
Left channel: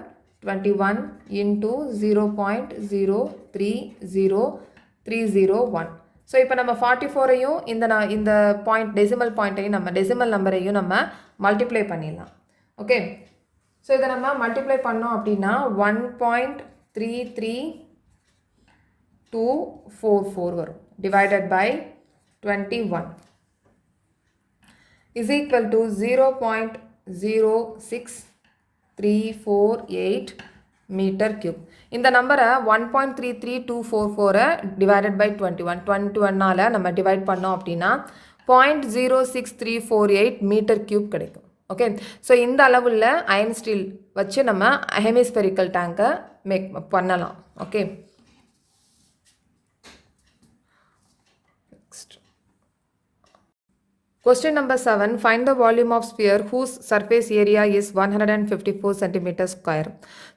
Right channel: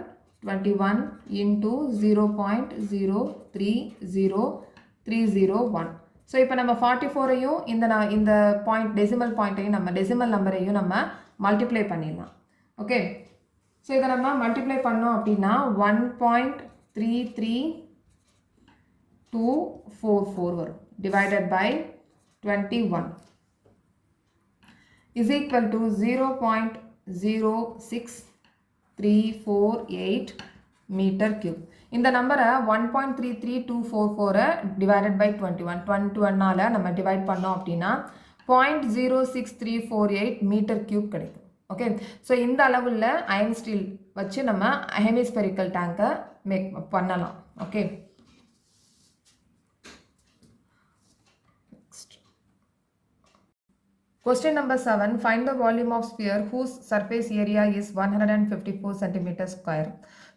21 into 0.030301. So இப்போ நம்ம 44ஐயும் இந்த பாயிண்ட் டெசிமல் பாயிண்ட்டையும் நம்ம டெசிமல் நம்பரையும் நம்ம மல்டிப்ளை பண்ணிடலாம். ஓகே, ஸோ இதை நம்ம மல்டிப்ளை பண்ணோம் அப்படின்னா 1.33244 வரும், divided by 21 is equal to 0.06348 metre cube. இந்த நம்பரை 1.33244 டிவைடட் பை 21 நம்ம டிவைட் பண்ணோம் அப்படின்னா 0.06348 மீட்டர் கியூப் கிடைக்கும். ஓகே, ஸோ இந்த அளவுள்ள அயன் ஸ்டீல் வச்சு நம்ம ஹெமிஸ்பெரிக்கல் டேங்கை மேக் பண்ணலாம். Okay, question number 7, find the volume of sphere whose surface area is 154 cm square.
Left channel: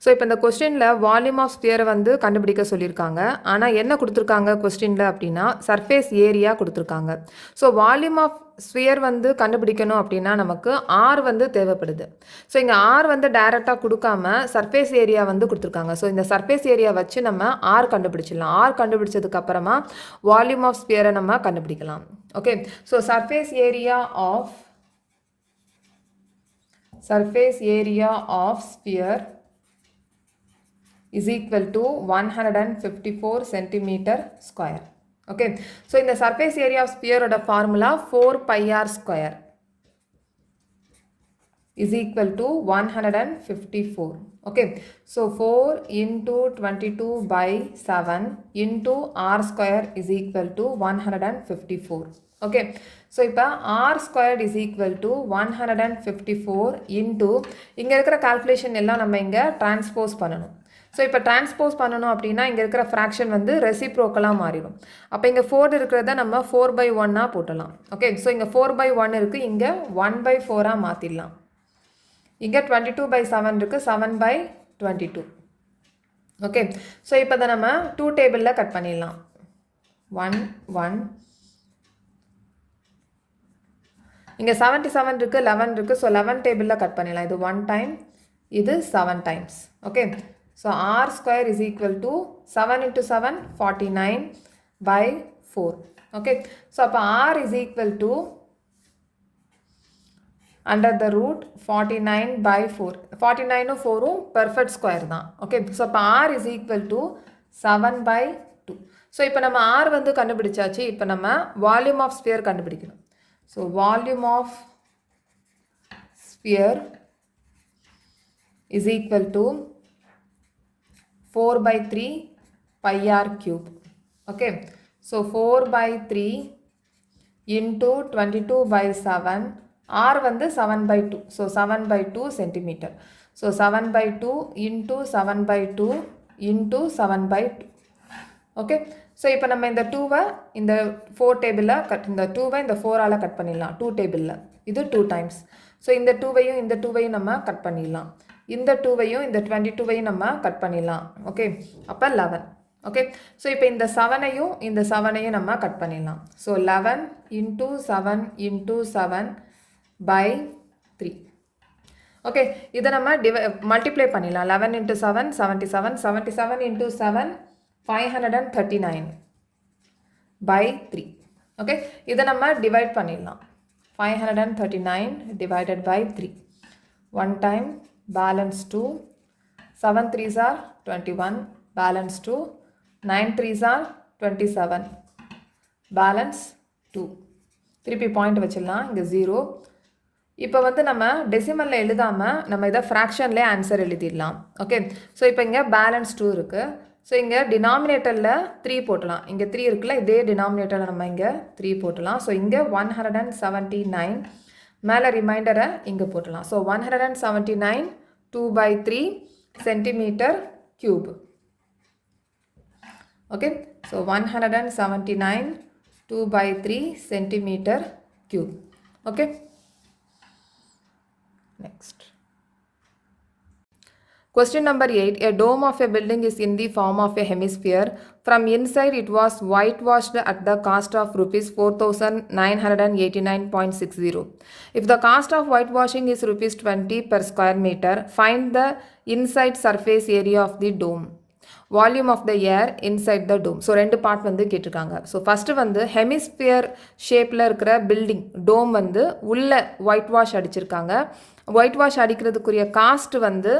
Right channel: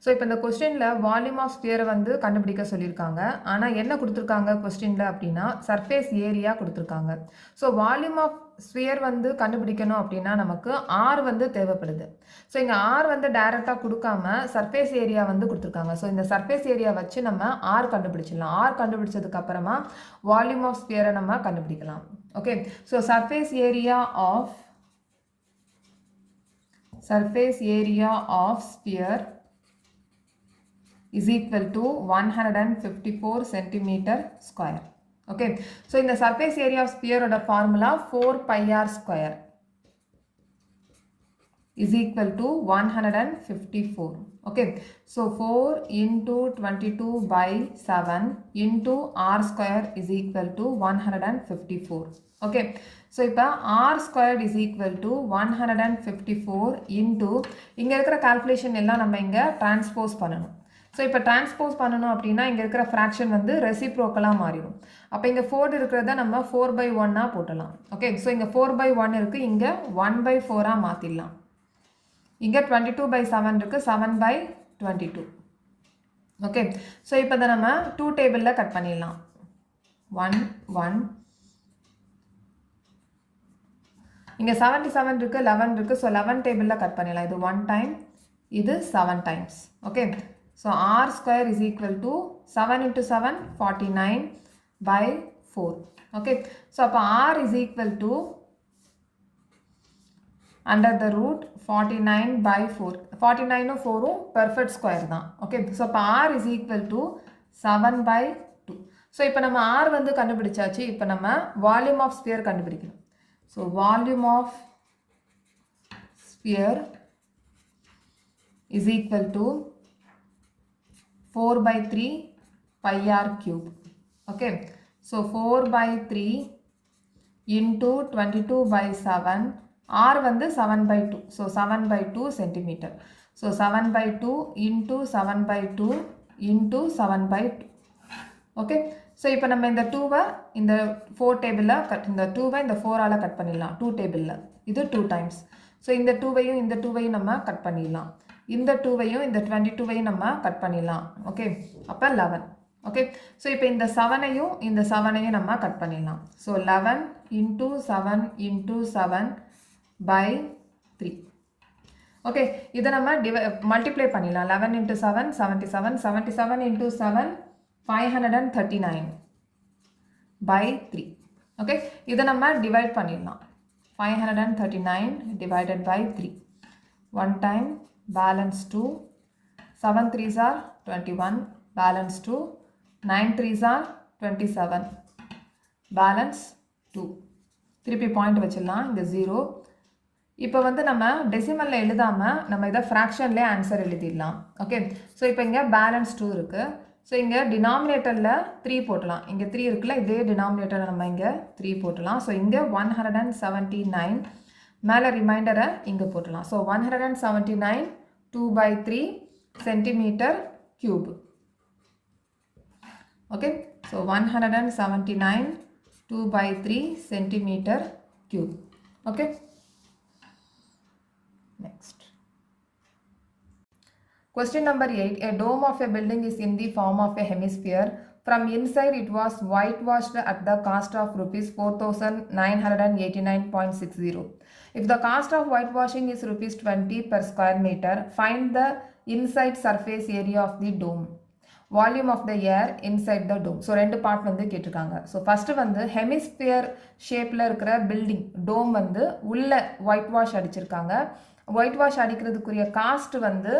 So இப்போ இந்த கொஸ்டினில் வால்யூம் ஆஃப் ஸ்பியரை வந்து கண்டுபிடிக்க சொல்லியிருக்காங்க. ஆனால் என்ன கொடுத்துருக்காங்க கொஸ்டினில் அப்படின்னா சர்ஃபேஸ் ஏரியா கொடுத்துருக்காங்க. ஸோ வால்யூம் ஆஃப் ஸ்பியர் வந்து கண்டுபிடிக்கணும் அப்படின்னா நமக்கு ஆர் வந்து தேவைப்படுது. ஸோ இங்கே ஆர் வந்து டைரெக்டாக கொடுக்காம சர்ஃபேஸ் ஏரியா வந்து கொடுத்துருக்காங்க. ஸோ இந்த சர்ஃபேஸ் ஏரியா வச்சு நம்ம ஆர் கண்டுபிடிச்சிடலாம். ஆர் கண்டுபிடிச்சதுக்கு அப்புறமா வால்யூம் ஆஃப் ஸ்பியரை நம்ம கண்டுபிடிக்கலாம். Okay, so surface area of sphere is equal to 154 centimeter square. Okay, so in the surface area of sphere oda formula 4 pi r square is equal to 154. Okay, so 4 into 22 by 7 into r square is equal to 154. Okay, so இப்போ r squared is equal to 154 into இங்கே இருக்கிற calculation எல்லாம் நம்ம இங்கே transpose பண்ணணும். So இப்போ transpose பண்ணணும் அப்படின்னா இங்கே இருக்கிற ஃப்ராக்ஷன் வந்து ரெசிப்ரோக்கலாக மாறிடும். அப்போ இங்கே 4 இருக்கிறத நம்ம 4/1 போட்டலாம். ஓகே, ஸோ இங்கே 4/1 இருக்குது, இங்கே 1/4 மாற்றிடலாம். இங்கே 22/7 இருக்குது, 7/22. ஓகே, ஸோ இப்போ அதை நம்ம 2 டேபிளில் கட் பண்ணிடலாம். 1 1 இங்கே 77 இருக்குது, 11 இருக்குது. ஸோ 11 டேபிளில் கட் பண்ணிடலாம். இது 1 டைம், இது 7 times. Okay, so r square is equal to 7 into 7 49/4. Okay, so அப்போ r is equal to under the root 49/4. 49 4 perfect square தான். Okay, so அப்போ r is equal to 7/2. so இப்போ நம்ம r வந்து கண்டுபிடிச்சாச்சு. இப்போ நம்ம volume of sphere கண்டுபிடிக்கணும். so volume of sphere is equal to 4/3 pi r cube. Okay, so 4/3 into 22/7, r வந்து 7/2, so 7/2 centimeter. so 7/2 into 7/2 into 7/2. Okay, so இப்போ நம்ம இந்த 2வை இந்த 4 டேபிளில் இந்த 2வை இந்த 4ஆல் கட் பண்ணிடலாம். 2 டேபிளில் இது 2 டைம்ஸ். ஸோ இந்த 2வையும் இந்த 2வையும் நம்ம கட் பண்ணிடலாம். இந்த 2வையும் இந்த 22வையும் நம்ம கட் பண்ணிடலாம். ஓகே, அப்போ 11. ஓகே, ஸோ இப்போ இந்த 7ஐயும் இந்த 7ஐயும் நம்ம கட் பண்ணிடலாம். So 11 into 7 into 7/3. ஓகே, இதை நம்ம மல்டிப்ளை பண்ணிடலாம். 11 into 7 77, 77 into 7 539/3. ஓகே, இதை நம்ம டிவைட் பண்ணிடலாம். 539 divided by 3. 1 time balance 2, 7 3s are 21, balance 2, 9 3s are 27, balance 2. திருப்பி பாயிண்ட் வச்சிடலாம். இங்கே 0. இப்போ வந்து நம்ம டெசிமலில் எழுதாமல் நம்ம இதை ஃப்ராக்ஷன்லேயே ஆன்சர் எழுதிடலாம். ஓகே, ஸோ இப்போ இங்கே பேலன்ஸ் 2 இருக்குது. ஸோ இங்கே டினாமினேட்டரில் 3 போட்டலாம். இங்கே 3 இருக்குல்ல, இதே டினாமினேட்டரில் நம்ம இங்கே 3 போட்டலாம். ஸோ இங்கே 179 மேலே ரிமைண்டரை இங்கே போட்டலாம். So 179 2/3 centimetre cube. Okay, so 179 2/3 centimetre cube. Okay, next. Question number 8. A dome of a building is in the form of a hemisphere. From inside it was whitewashed at the cost of rupees 4,989.60. If the cost of whitewashing is rupees 20 per square meter, find the inside surface area of the dome. Volume of the air inside the dome. So 2 part வந்து கேட்டிருக்காங்க. So first வந்து hemisphere ஷேப்பில் இருக்கிற building டோம் வந்து உள்ள white wash அடிச்சிருக்காங்க. White wash அடிக்கிறதுக்குரிய cost வந்து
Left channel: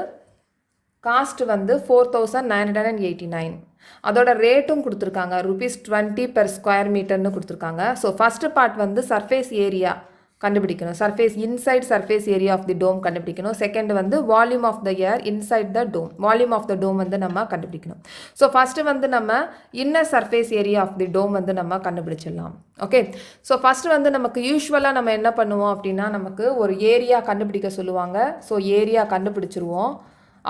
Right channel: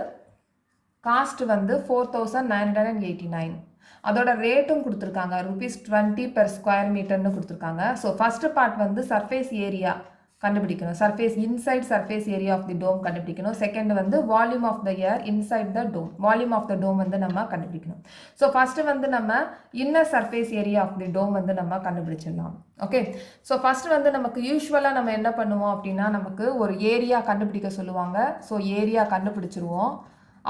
4,989. அதோட ரேட்டும் கொடுத்துருக்காங்க, rupees 20 per square meterன்னு கொடுத்துருக்காங்க. ஸோ ஃபஸ்ட்டு பார்ட் வந்து சர்ஃபேஸ் ஏரியா கண்டுபிடிக்கணும், inside surface area of the dome கண்டுபிடிக்கணும். செகண்ட் வந்து volume of the air inside the dome, volume of the dome வந்து நம்ம கண்டுபிடிக்கணும். ஸோ ஃபஸ்ட்டு வந்து நம்ம inner surface area of the dome வந்து நம்ம கண்டுபிடிச்சிடலாம். ஓகே, ஸோ ஃபஸ்ட்டு வந்து நமக்கு யூஸ்வலாக நம்ம என்ன பண்ணுவோம் அப்படின்னா, நமக்கு ஒரு ஏரியா கண்டுபிடிக்க சொல்லுவாங்க. ஸோ ஏரியா கண்டுபிடிச்சிருவோம்,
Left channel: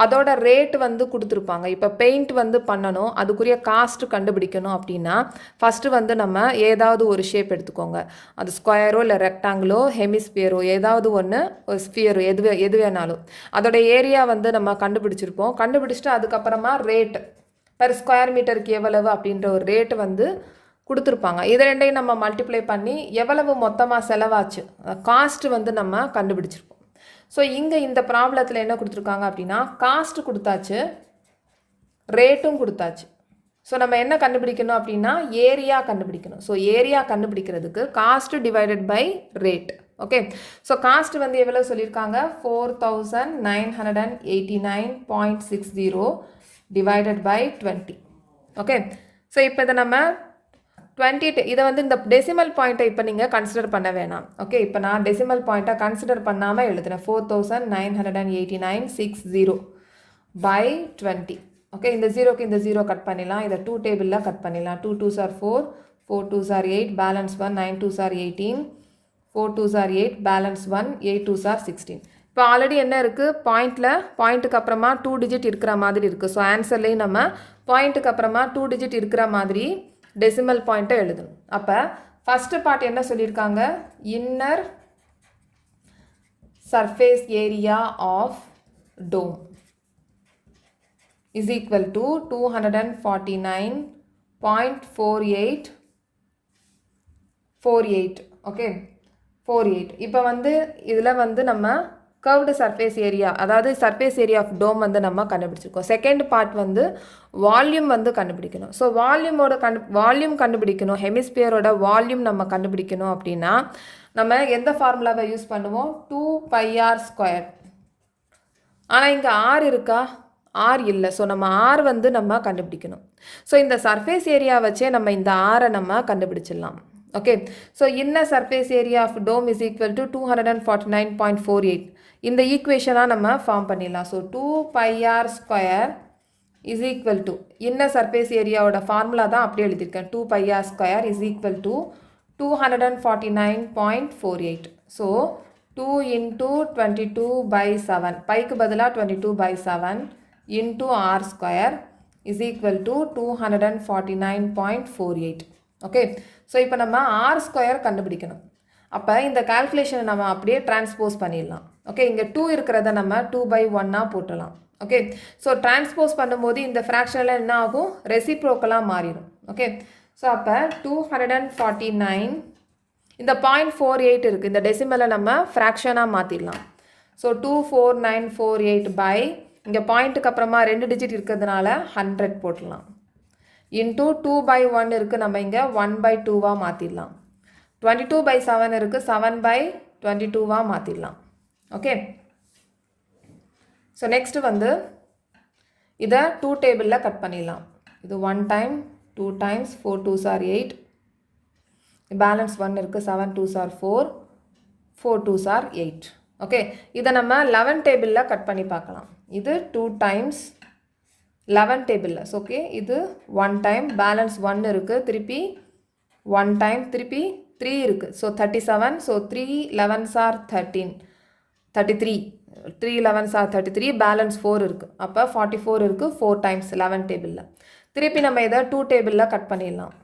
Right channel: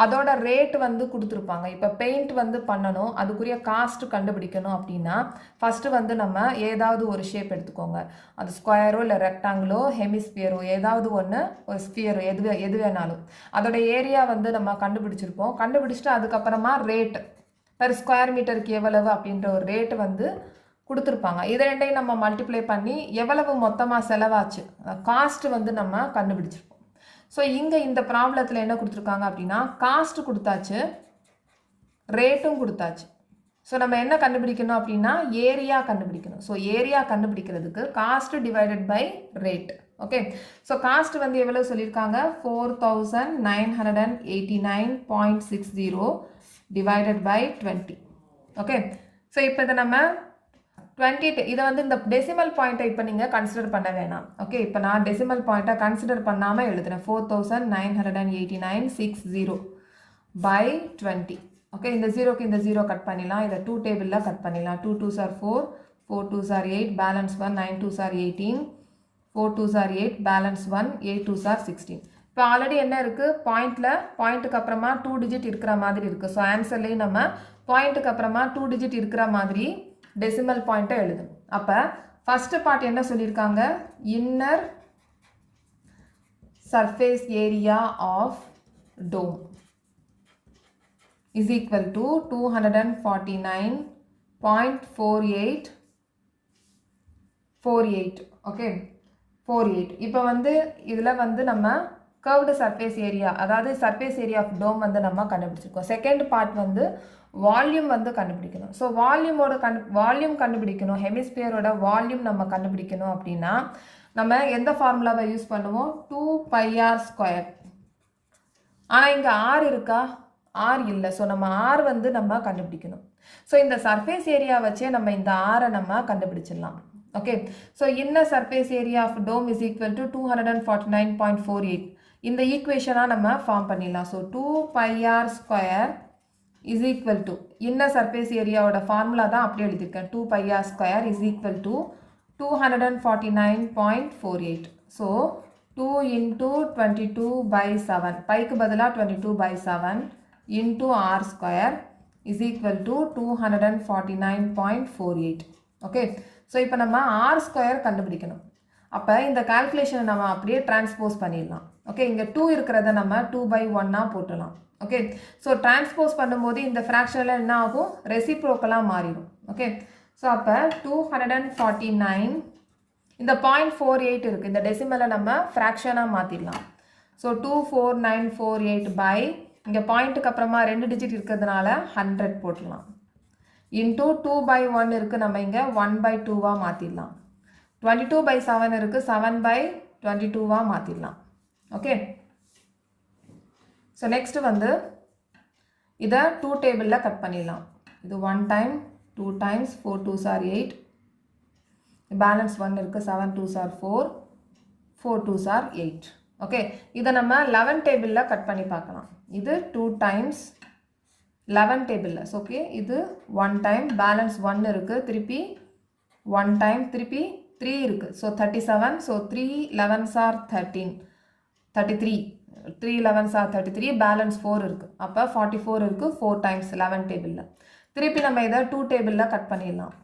அதோட ரேட் வந்து கொடுத்துருப்பாங்க. இப்போ பெயிண்ட் வந்து பண்ணணும், அதுக்குரிய காஸ்ட் கண்டுபிடிக்கணும் அப்படின்னா ஃபஸ்ட்டு வந்து நம்ம ஏதாவது ஒரு ஷேப் எடுத்துக்கோங்க. அது ஸ்கொயரோ இல்லை ரெக்டாங்கிளோ ஹெமிஸ்பியரோ ஏதாவது ஒன்று, ஒரு ஸ்பியரோ எது வேணாலும் அதோட ஏரியா வந்து நம்ம கண்டுபிடிச்சிருப்போம். கண்டுபிடிச்சிட்டு அதுக்கப்புறமா ரேட் பெர் ஸ்கொயர் மீட்டருக்கு எவ்வளவு அப்படின்ற ஒரு ரேட்டு வந்து கொடுத்துருப்பாங்க. இது ரெண்டையும் நம்ம மல்டிப்ளை பண்ணி எவ்வளவு மொத்தமாக செலவாச்சு காஸ்ட் வந்து நம்ம கண்டுபிடிச்சிருப்போம். ஸோ இங்கே இந்த ப்ராப்ளத்தில் என்ன கொடுத்துருக்காங்க அப்படின்னா, காஸ்ட் கொடுத்தாச்சு, ரேட்டும் கொடுத்தாச்சு. ஸோ நம்ம என்ன கண்டுபிடிக்கணும் அப்படின்னா ஏரியா கண்டுபிடிக்கணும். ஸோ ஏரியா கண்டுபிடிக்கிறதுக்கு cost divided by rate. Okay, so cost வந்து எவ்வளோ சொல்லியிருக்காங்க, 4,989.60 டிவைடட் பை 20. ஓகே, ஸோ இப்போ இதை நம்ம 20, இதை வந்து இந்த டெசிமல் பாயிண்ட்டை இப்போ நீங்கள் கன்சிடர் பண்ண வேணாம். ஓகே, இப்போ நான் டெசிமல் பாயிண்ட்டை கன்சிடர் பண்ணாமல் எழுதுறேன். 4,989.60 by 20. ஓகே, இந்த ஜீரோக்கு இந்த ஜீரோ கட் பண்ணிடலாம், இதை 2 டேபிளில் கட் பண்ணிடலாம். 2 2s are 4, 4 2s are 8, balance 1, 9 2s are 18, 4 2s are 8, balance 1, 8 2s are 16. இப்போ ஆல்ரெடி என்ன இருக்குது, பாயிண்ட்டுக்கு அப்புறமா 2 டிஜிட் இருக்கிற மாதிரி இருக்குது. ஸோ ஆன்சர்லேயும் நம்ம பாயிண்ட்டுக்கு அப்புறமா 2 டிஜிட் இருக்கிற மாதிரி டெசிமல் பாயிண்ட்டை எழுதும். அப்போ ஃபஸ்ட்டு பார்ட் என்ன சொல்லியிருக்காங்க, inner surface area of dome is equal to 249.48. Okay, 48. இப்போ வந்து இதில் வந்து நம்ம கர்வ்டு சர்ஃபேஸ் ஏரியா, அதாவது சர்ஃபேஸ் ஏரியா ஆஃப் டோம் வந்து நம்ம கண்டுபிடிச்சிருக்கோம். செகண்ட் பார்ட் வந்து வால்யூம் வந்து கண்டுபிடிக்கணும். ஸோ வால்யூம் கண்டுபிடிக்கணும், ஹெமிஸ்பியரோட வால்யூம் நம்ம கண்டுபிடிக்கணும் அப்படின்னா நம்ம எந்த ஃபார்முலாவை யூஸ் பண்ணுவோம், 2πr². ஆனால் இங்கே ஆர் இருக்கா, ஆர் இல்லை. ஸோ நம்ம ஆர் வந்து நம்ம கண்டுபிடிக்கணும். ஸோ இந்த சர்ஃபேஸ் ஏரியா வச்சே நம்ம இந்த ஆரை நம்ம கண்டுபிடிச்சிடலாம். Okay, so inner surface area of dome is equal to 249.48. இந்த ஈக்குவேஷனாக நம்ம ஃபார்ம் பண்ணிடலாம். So 2πr² is equal to inner surface ஏரியாவோட ஃபார்முலா தான் அப்படியே எழுதியிருக்கேன். 2πr² is equal to 249.48. So 2 into 22/7, பைக்கு பதிலாக 22/7 into r² is equal to 249.48. Okay, so இப்போ நம்ம r² கண்டுபிடிக்கணும். அப்போ இந்த கால்குலேஷனை நம்ம அப்படியே டிரான்ஸ்போஸ் பண்ணிடலாம். ஓகே, இங்கே 2 இருக்கிறத நம்ம 2/1 போட்டலாம். ஓகே, ஸோ டிரான்ஸ்போஸ் பண்ணும்போது இந்த ஃப்ராக்ஷனில் என்ன ஆகும், ரெசிப்ரோக்கலாக மாறிடும். ஓகே, ஸோ அப்போ 249, இந்த 0.48 இருக்குது, இந்த டெசிமலை நம்ம ஃப்ராக்ஷனாக மாற்றிடலாம். ஸோ 24948 பை இங்கே பாயிண்ட்டுக்கு அப்புறமா 2 டிஜிட் இருக்கிறதுனால 100 போட்டுடலாம். இன்டூ 2/1 இருக்குது, நம்ம இங்கே 1/2 மாற்றிடலாம். 22/7 இருக்குது, 7/22 மாற்றிடலாம். ஓகே, ஸோ நெக்ஸ்ட் வந்து இதை 2 டேபிளில் கட் பண்ணிடலாம். இது 1 time, 2 times, 4 2s are 8, balance 1 இருக்குது, 7 2s are 4, 4 2s are 8. Okay, இதை நம்ம 11 டேபிளில் கட் பண்ணி பார்க்கலாம். இது 2 டைம்ஸ் 11 டேபிளில். ஓகே, இது 1 டைம், பேலன்ஸ் 1 இருக்குது, திருப்பி 1 டைம், திருப்பி 3 இருக்குது. So 37. So 3 11s are 13, 33. 3 11s are 33, balance 4 இருக்குது. அப்போ 44 இருக்குது 4 டைம்ஸ் 11 டேபிளில். திருப்பி நம்ம இதை 2 டேபிளில் கட் பண்ணிடலாம்.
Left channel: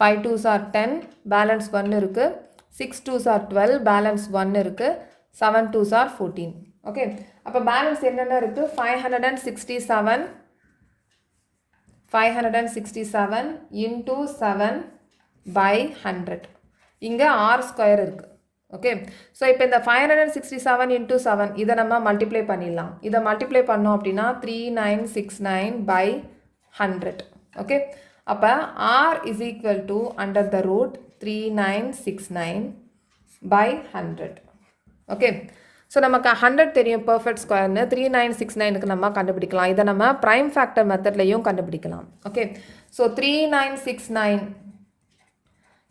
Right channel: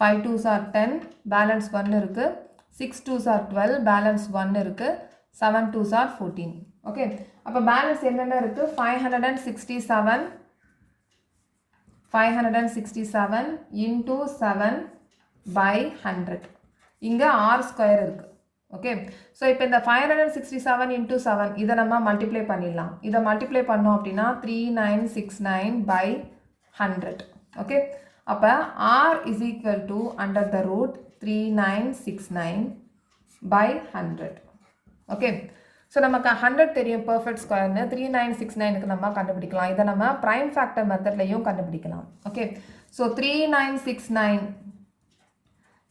5 2s are 10, பேலன்ஸ் 1 இருக்குது. 6 2s are 12, பேலன்ஸ் 1 இருக்குது. 7 2s are 14. ஓகே, அப்போ பேலன்ஸ் என்னென்ன இருக்குது? 567 into 7 by 100. இங்கே ஆர் ஸ்கொயர் இருக்குது. ஓகே, ஸோ இப்போ இந்த 567 into 7 இதை நம்ம மல்டிப்ளை பண்ணிடலாம். இதை மல்டிப்ளை பண்ணோம் அப்படின்னா 3969 by 100. ஓகே, அப்போ r is equal to under the root 3969 by 100. Okay, so நமக்கு 100 தெரியும் பர்ஃபெக்ட் ஸ்கொயர்னு. 3969க்கு நம்ம கண்டுபிடிக்கலாம். இதை நம்ம ப்ரைம் ஃபேக்டர் மெத்தட்லையும் கண்டுபிடிக்கலாம். ஓகே, ஸோ 3969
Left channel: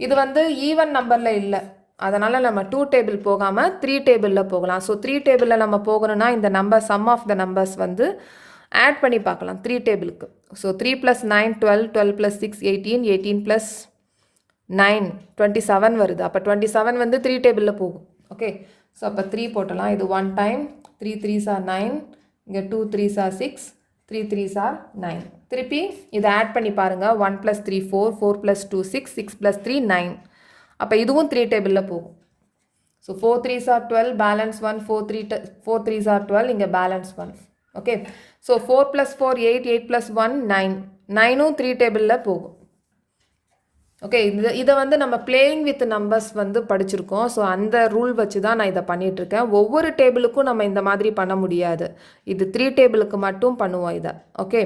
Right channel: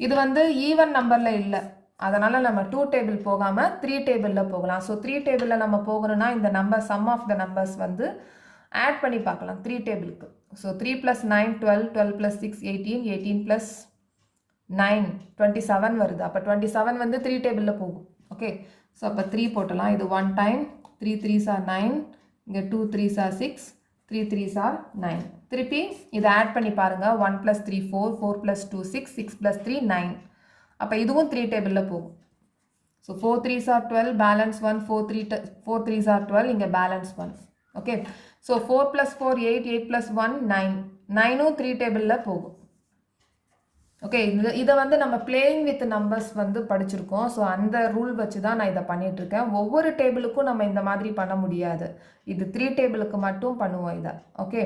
இது வந்து ஈவன் நம்பரில் இல்லை, அதனால் நம்ம 2 டேபிள் போகாமல் 3 டேபிளில் போகலாம். ஸோ 3 டேபிளில் நம்ம போகணும்னா இந்த number sum of the numbers வந்து ஆட் பண்ணி பார்க்கலாம் 3 டேபிளுக்கு. ஸோ 3 + 9 12, 12 + 6 18, 18 + 9 27 வருது. அப்போ 27 வந்து 3 டேபிளில் போகும். ஓகே, ஸோ அப்போ 3 போட்டலாம். இது 1 டைம், 3 3s are 9, இங்கே 2 3s are 6, 3 3s are 9. திருப்பி இதை ஆட் பண்ணி பாருங்கள். 1 + 3 4, 4 + 2 6, 6 + 3 9. அப்போ இதுவும் 3 டேபிளில் போகும். So 4 3s are 12, balance 1, 4 3s are 12, இங்கே பேலன்ஸ் 1. ஓகே, ஸோ 4 + 4 8, 8 + 1 9, 9ம் 3 டேபிளில் போகும். ஓகே, இதை வந்து நம்ம பிளேயிங் வித் நம்பர்ஸ் வந்து படிச்சிருக்கோம். ஸோ அந்த ரூல் வச்சு தான் நான் இதை பண்ணிகிட்ருக்கேன். ஒவ்வொரு டேபிளுக்கும் நம்ம இந்த மாதிரி பண்ண முடியாது. இது 3 டேபிளுக்கு மட்டும் பண்ணுவோம் இதை. ஓகே,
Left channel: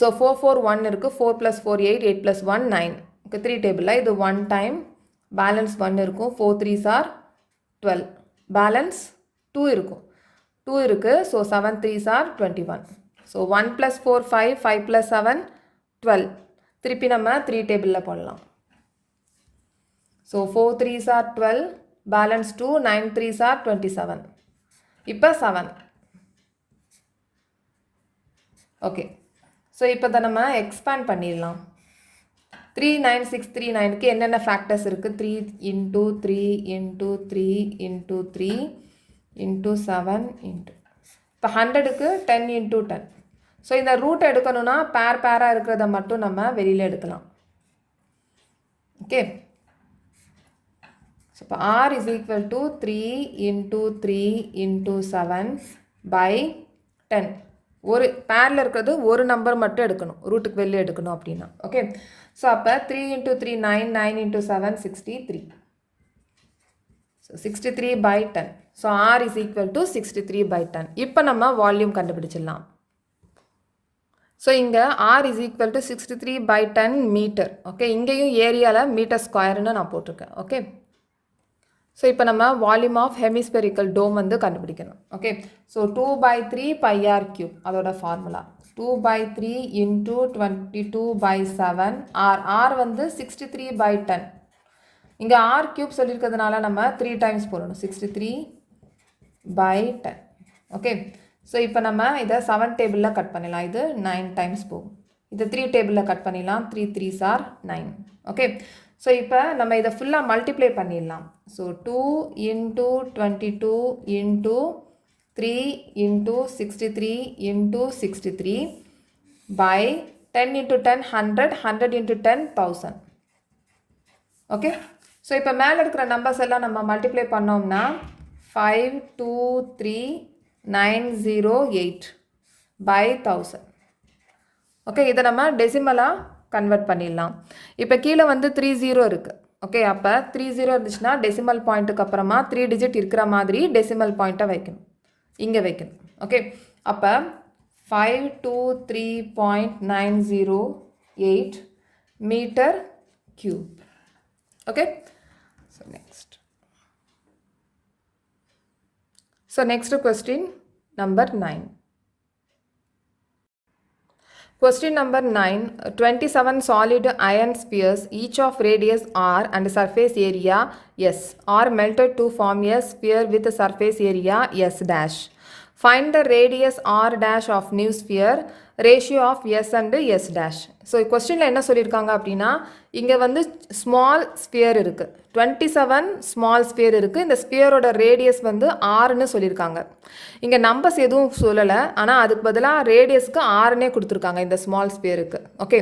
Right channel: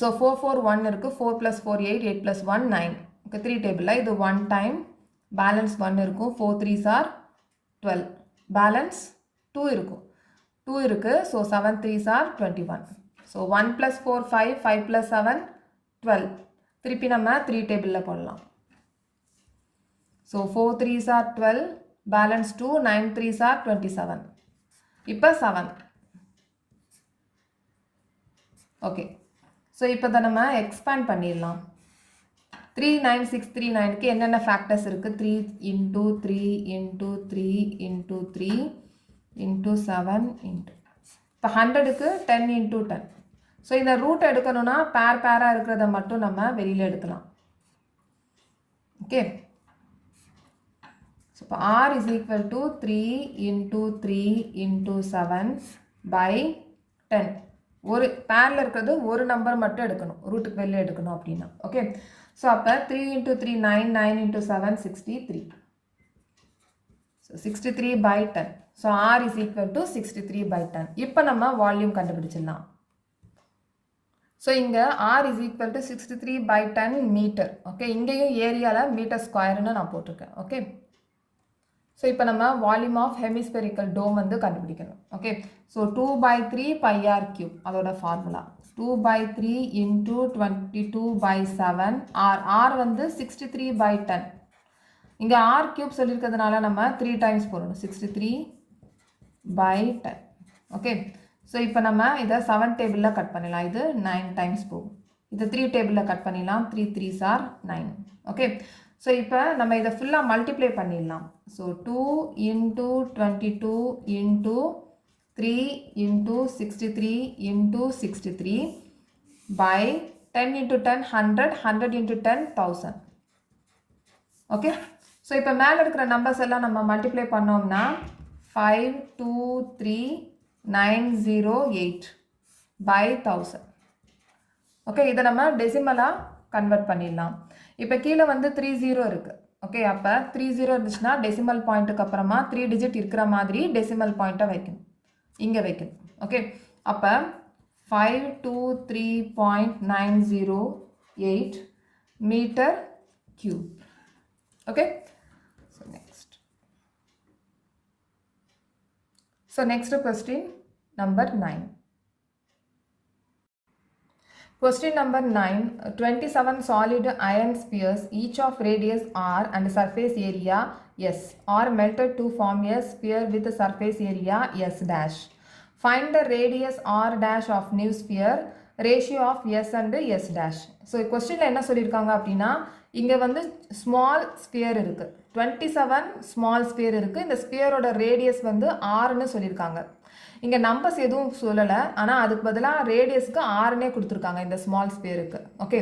ஸோ 4 4 1 இருக்குது, 4 + 4 8, 8 + 1 9. ஓகே, 3 டேபிளில் இது 1 டைம், பேலன்ஸ் 1 இருக்கும். 4 3s are 12, பேலன்ஸ் 2 இருக்கும். 2 இருக்குது. So 7 3s are 21. ஸோ 1 + 4 5, 5 + 7 12. திருப்பி நம்ம 3 டேபிளில் போடலாம். So 4 3s are 12, balance 2, 9 3s are 27. இப்போ 7. ஓகே, ஸோ இப்போ தான் நம்ம எக்ஸ்பேண்ட் பண்ணிடலாம். 3969க்கு என்னென்ன ஃபேக்டர்ஸ் இருக்குது? 3 into 3 into 3 into 3 into 7 into. இப்போ 100க்கு 10 into 10. ஸோ இந்த ரூட் எடுக்கணும்னா பேராக இருக்கிறத மட்டும் நம்ம வெளியில் எடுக்கலாம். ஓகே, ஸோ இப்போ r is equal to 3 into 3 into 7 by 10. ஒரு பேரில் இருக்கிறது ஒரு நம்பர் மட்டும் எடுக்கணும், ரூட்டுக்கு வெளியே எடுக்கணும் அப்படின்னா. ஓகே, ஸோ அப்போ 3 into 3 9, 9 into 7 63. So 63 by 10. So r is equal to 63 by 10. இப்போ நம்ம வால்யூம் கண்டுபிடிச்சிடலாம். ஸோ இங்கே r is equal to 63 by 10 metre. Okay, இங்கேயும் ஏரியாவில் மீட்டர் ஸ்கொயர்னு நான் போட்டிருக்கேன். ஓகே, ஸோ இப்போ நம்ம வால்யூம் ஆஃப் ஹெமிஸ்பெரிக்கல் டோம் வந்து கண்டுபிடிக்கணும். ஓகே, ஸோ 2/3 πr³ அதோட ஃபார்முலா 2/3 into 22/7 r வந்து 63 by 10. இங்கே r³ சொல்லியிருக்கிறதுனால நம்ம 3 டைம்ஸ் போடணும். 63 by 10. ஓகே, ஸோ இப்போ நம்ம இதை 7 டேபிளில் கட் பண்ணிடலாம். இது 9 டைம்ஸ் போகும். இது 3 டேபிளில் கட் பண்ணிடலாம். 3 3s are 9. ஓகே, ஸோ இப்போ நம்ம இதை ஃபுல்லாக மல்டிப்ளை பண்ணிடலாம். So 2 into 22 into 3 into 63 into 63 by 10 into 10 100, 100 into 10 1000. Okay, so இப்போ மேலே இருக்கிற நம்பர்ஸ் எல்லாம் நம்ம மல்டிப்ளை பண்ணோம்னா 523,908 by 1000. ஓகே, இதை நம்ம டெசிமலாக கன்வெர்ட் பண்ணிடலாம். இப்போ கீழே வந்து 30 இருக்குது. ஓகே, அப்போ 30 இருந்துச்சுன்னா டெசிமல் பாயிண்ட்டுக்கு அப்புறமா 3 டிஜிட் இருக்கிற மாதிரி டெசிமல் பாயிண்ட்டை வைக்கணும், இங்கே வைக்கணும். ஓகே, அப்போ 523.908 metre cube. Okay, so next question number 9. Question number 9. 27 solid iron spheres, each of radius r and surface area s, are melted to form a sphere with surface area s dash. Find the radius r dash of new sphere, ratio of s and s dash. So கொஸ்டினில் என்ன சொல்லியிருக்காங்க அப்படின்னா இங்கே வந்து small sphere இருக்குது, 27 small sphere இருக்குது. இந்த ஸ்பியரோட radius வந்து ஆறுன்னு சொல்லியிருக்காங்க. இங்கே நம்பர்ஸ் எதுவும் சொல்லலை, ஆனால் அதுக்கு பதிலாக ரேடியஸ்க்கு ஆறுனே கொடுத்துருக்காங்க இந்த ஸ்மால் ஸ்பியருக்கு. ஓகே,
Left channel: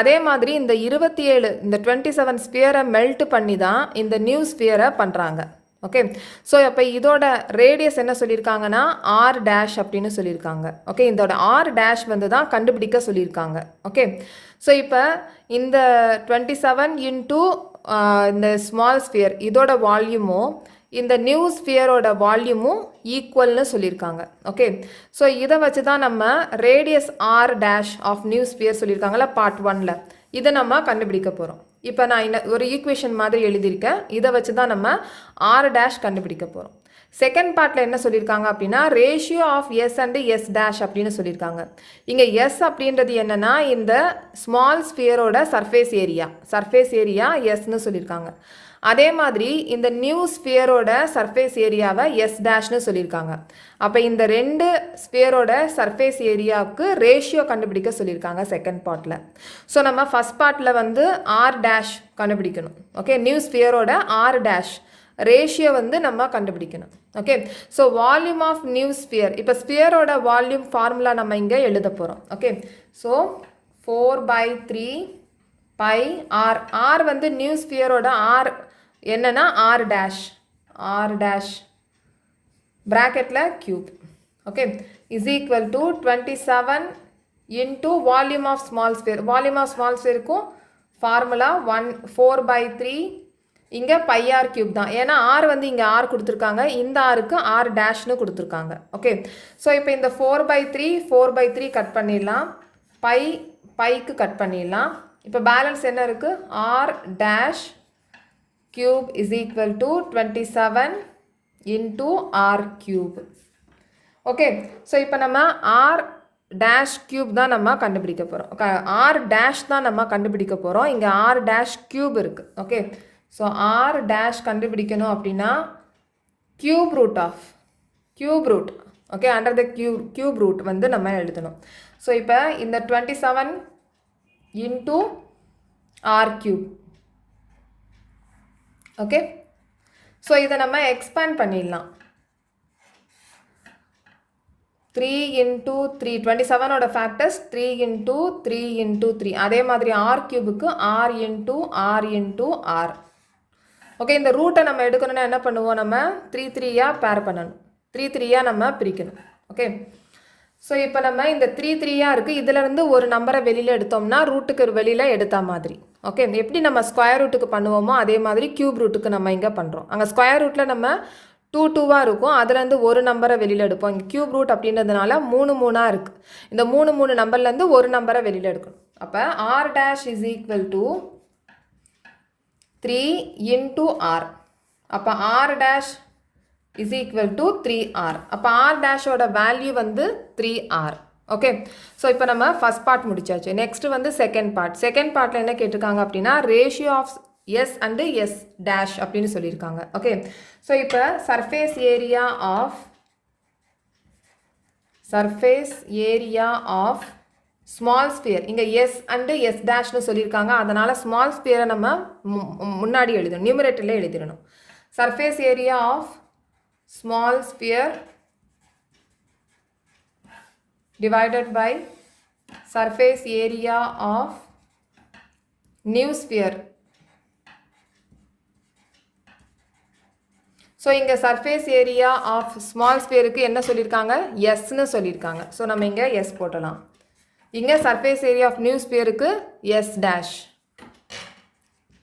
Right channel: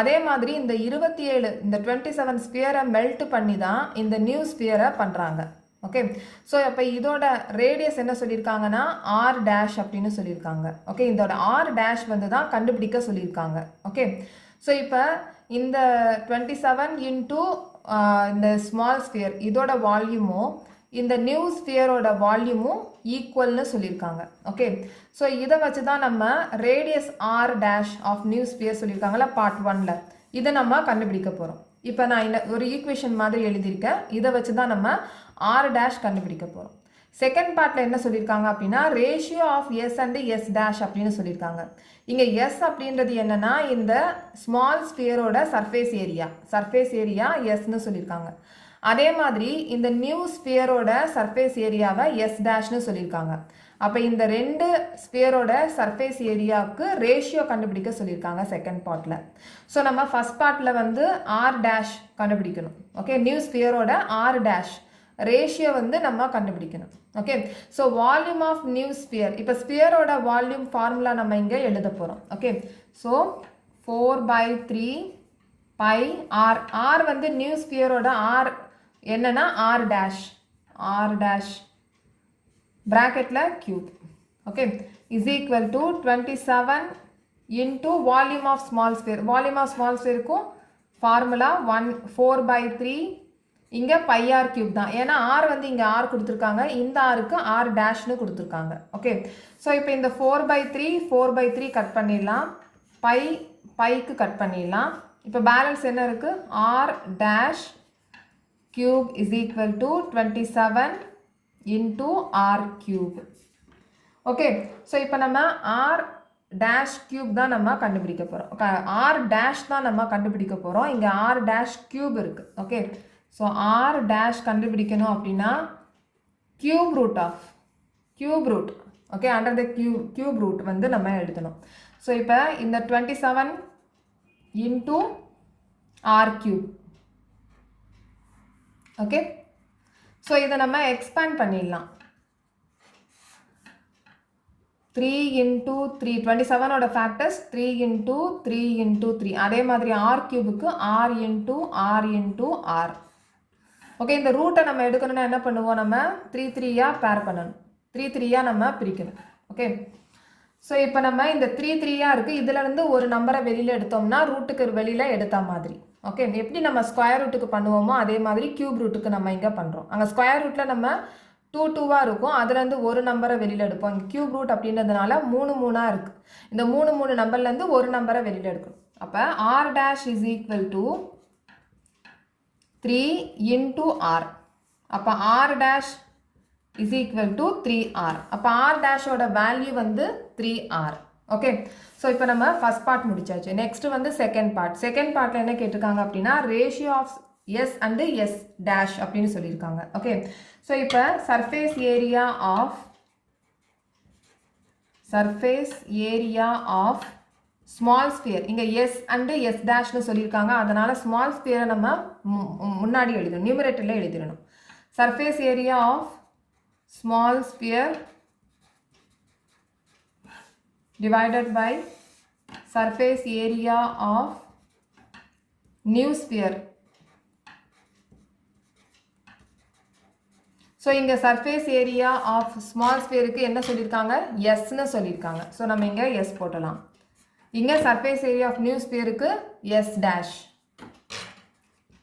அதே மாதிரி இந்த 27 இந்த 27 ஸ்பியரை மெல்ட் பண்ணி தான் இந்த நியூ ஸ்பியரை பண்ணுறாங்க. ஓகே, ஸோ அப்போ இதோட ரேடியஸ் என்ன சொல்லியிருக்காங்கன்னா ஆர் டேஷ் அப்படின்னு சொல்லியிருக்காங்க. ஓகே, இதோட ஆர் டேஷ் வந்து தான் கண்டுபிடிக்க சொல்லியிருக்காங்க. ஓகே, ஸோ இப்போ இந்த 27 இன்டூ இந்த ஸ்மால் ஸ்பியர் இதோட வால்யூமும் இந்த நியூ ஸ்பியரோட வால்யூமும் ஈக்குவல்னு சொல்லியிருக்காங்க. ஓகே, ஸோ இதை வச்சு தான் நம்ம radius r dash of new sphere சொல்லியிருக்காங்களா பார்ட் 1ல், இதை நம்ம கண்டுபிடிக்க போகிறோம். இப்போ நான் ஒரு ஈக்குவேஷன் மாதிரி எழுதியிருக்கேன், இதை வச்சு தான் நம்ம ஆர் டேஷ் கண்டுபிடிக்க போகிறோம். செகண்ட் பார்ட்டில் என்ன சொல்லியிருக்காங்க அப்படின்னா ratio of S and S dash அப்படின்னு சொல்லியிருக்காங்க. இங்கே எஸ் அப்படின்றது என்னென்னா இந்த ஸ்மால் ஸ்பியரோட சர்ஃபேஸ் ஏரியா எஸ்ன்னு சொல்லியிருக்காங்க. அதே மாதிரி இந்த நியூ ஸ்பியரோட சர்ஃபேஸ் ஏரியாவை எஸ் டேஷ்னு சொல்லியிருக்காங்க. அப்போ இந்த ரெண்டு ஸ்பியரோட சர்ஃபேஸ் ஏரியாவுக்கு ரேஷியோ கண்டுபிடிக்க சொல்லியிருக்காங்க செகண்ட் பார்ட்டில். ஸோ நம்ம ஃபஸ்ட் பார்ட்டில் வந்து ஆர் டேஷ் கண்டுபிடிக்கணும். ஓகே, நியூ ஸ்பியரோட ஆர் டேஷ் ரேஷியோ வந்து நம்ம கண்டுபிடிக்கணும். Okay, so volume of new sphere, இப்போ ஸ்பியரோட வால்யூம் ஃபார்முலா நம்ம இங்கே எழுத போகிறோம். Okay, so 4/3 pi R. R வந்து நியூ ஸ்பியரோட ஆர் என்னன்னா ஆர் டேஷ் ப்ராக்கெட்டில் cube. Okay, is equal to 27 into volume of small sphere. Volume of small ஸ்பியருக்கும் ஃபார்முலா 4/3 இங்கே πr கியூப் தான். ஏன்னா ஆர் வந்து இங்கே ஆர் கொடுத்துருக்காங்க, இந்த ஆருக்கு ஆர் டேஷ்னு கொடுத்துருக்காங்க. ஓகே, ஸோ இப்போ இந்த 4/3 கட் பண்ணிடலாம், பைக்கு கட் பண்ணிடலாம். இப்போ பேலன்ஸ் என்ன இருக்குது, r dash cube is equal to 27 into R cube. Okay, so இப்போ நம்ம ஆர் டேஷ் கியூப் தான் நம்ம கண்டுபிடிக்க போகிறோம். ஆர் டேஷ் தான் நம்ம கண்டுபிடிக்க போகிறோம். இங்கே ஆர் டேஷ் கியூப் இருக்குது. ஓகே, ஸோ ஆர் டேஷ் கண்டுபிடிக்கணும் அப்படின்னா cube root okay under the cube root வந்து நம்ம எழுதணும். ஸோ இப்போ இந்த 27 into R cube. Okay, so இதை நம்ம எக்ஸ்பேண்ட் பண்ணிடலாம். 3 இன்டூ 3 27ஓட ஃபேக்டர்ஸ் 3 இன்டூ 3 இன்டூ 3. அதே மாதிரி ஆர் கியூபுக்கு ஆர் இன்டூ ஆர். ஓகே, இந்த ரூட்டை நம்ம எடுக்கணும்னா என்ன பண்ணுவோம், நம்ம 3 பேர் பண்ணணும், 3 நம்ம பிரிக்கணும். ஓகே, ஸோ இப்போ நம்ம இந்த 3 இருக்குது, இதிலேருந்து ஒரு நம்பரை வெளியில் எடுத்தோம்னா ரூட்டுக்கு வெளியில் எடுத்த மாதிரி. ஓகே, எப்படி நம்ம ஸ்கொயர் ரூட்டுக்கு பண்ணுவோமோ அதே மாதிரி கியூப் ரூட்டுக்கு நம்ம இங்கே பண்ணுறோம். அங்கே ஸ்கொயர் ரூட்டில் நம்ம 2 இருக்கும், அதுலேருந்து ஒரு நம்பரை வெளியில் எடுப்போம். இங்கே கியூப் ரூட் அப்படின்றதுனால 3 இருக்குது. இந்த 3 நம்பர்லேருந்து ஒரு நம்பரை வெளியில் எடுக்கணும். அப்போ R dash is equal to 3 into R. அப்போ R dash is equal to 3r. அப்போ ஆர் டேஷோட வேல்யூ வந்து 3r. ஓகே, ஸோ இப்போ நம்ம ஃபஸ்ட் பார்ட் முடிச்சாச்சு. நெக்ஸ்ட் வந்து செகண்ட் பார்ட்டில் என்ன கேட்டிருக்காங்க அப்படின்னா ratio of S and S dash அப்படின்னு சொல்லியிருக்காங்க. ஓகே, ஸோ இப்போ surface area of small sphere, இங்கே எஸ் அண்டு எஸ் டேஷ்னு சொல்லியிருக்காங்க, அதனால் ஸ்மால் ஸ்பியரை நம்ம முன்னாடி எழுதணும், நியூமரேட்டரில் எழுதிடணும். Surface area of small sphere divided by surface area of new sphere. So இங்கே சர்ஃபேஸ் ஏரியா ஆஃப் ஸ்மால் ஸ்பியருக்கு என்ன சொல்லியிருக்காங்க, எஸ்ன்னு சொல்லியிருக்காங்க. ஸோ நம்ம இங்கே எஸ் போட்டலாம். இங்கே சர்ஃபேஸ் ஏரியா ஆஃப் நியூ ஸ்பியருக்கு எஸ் டேஷ்.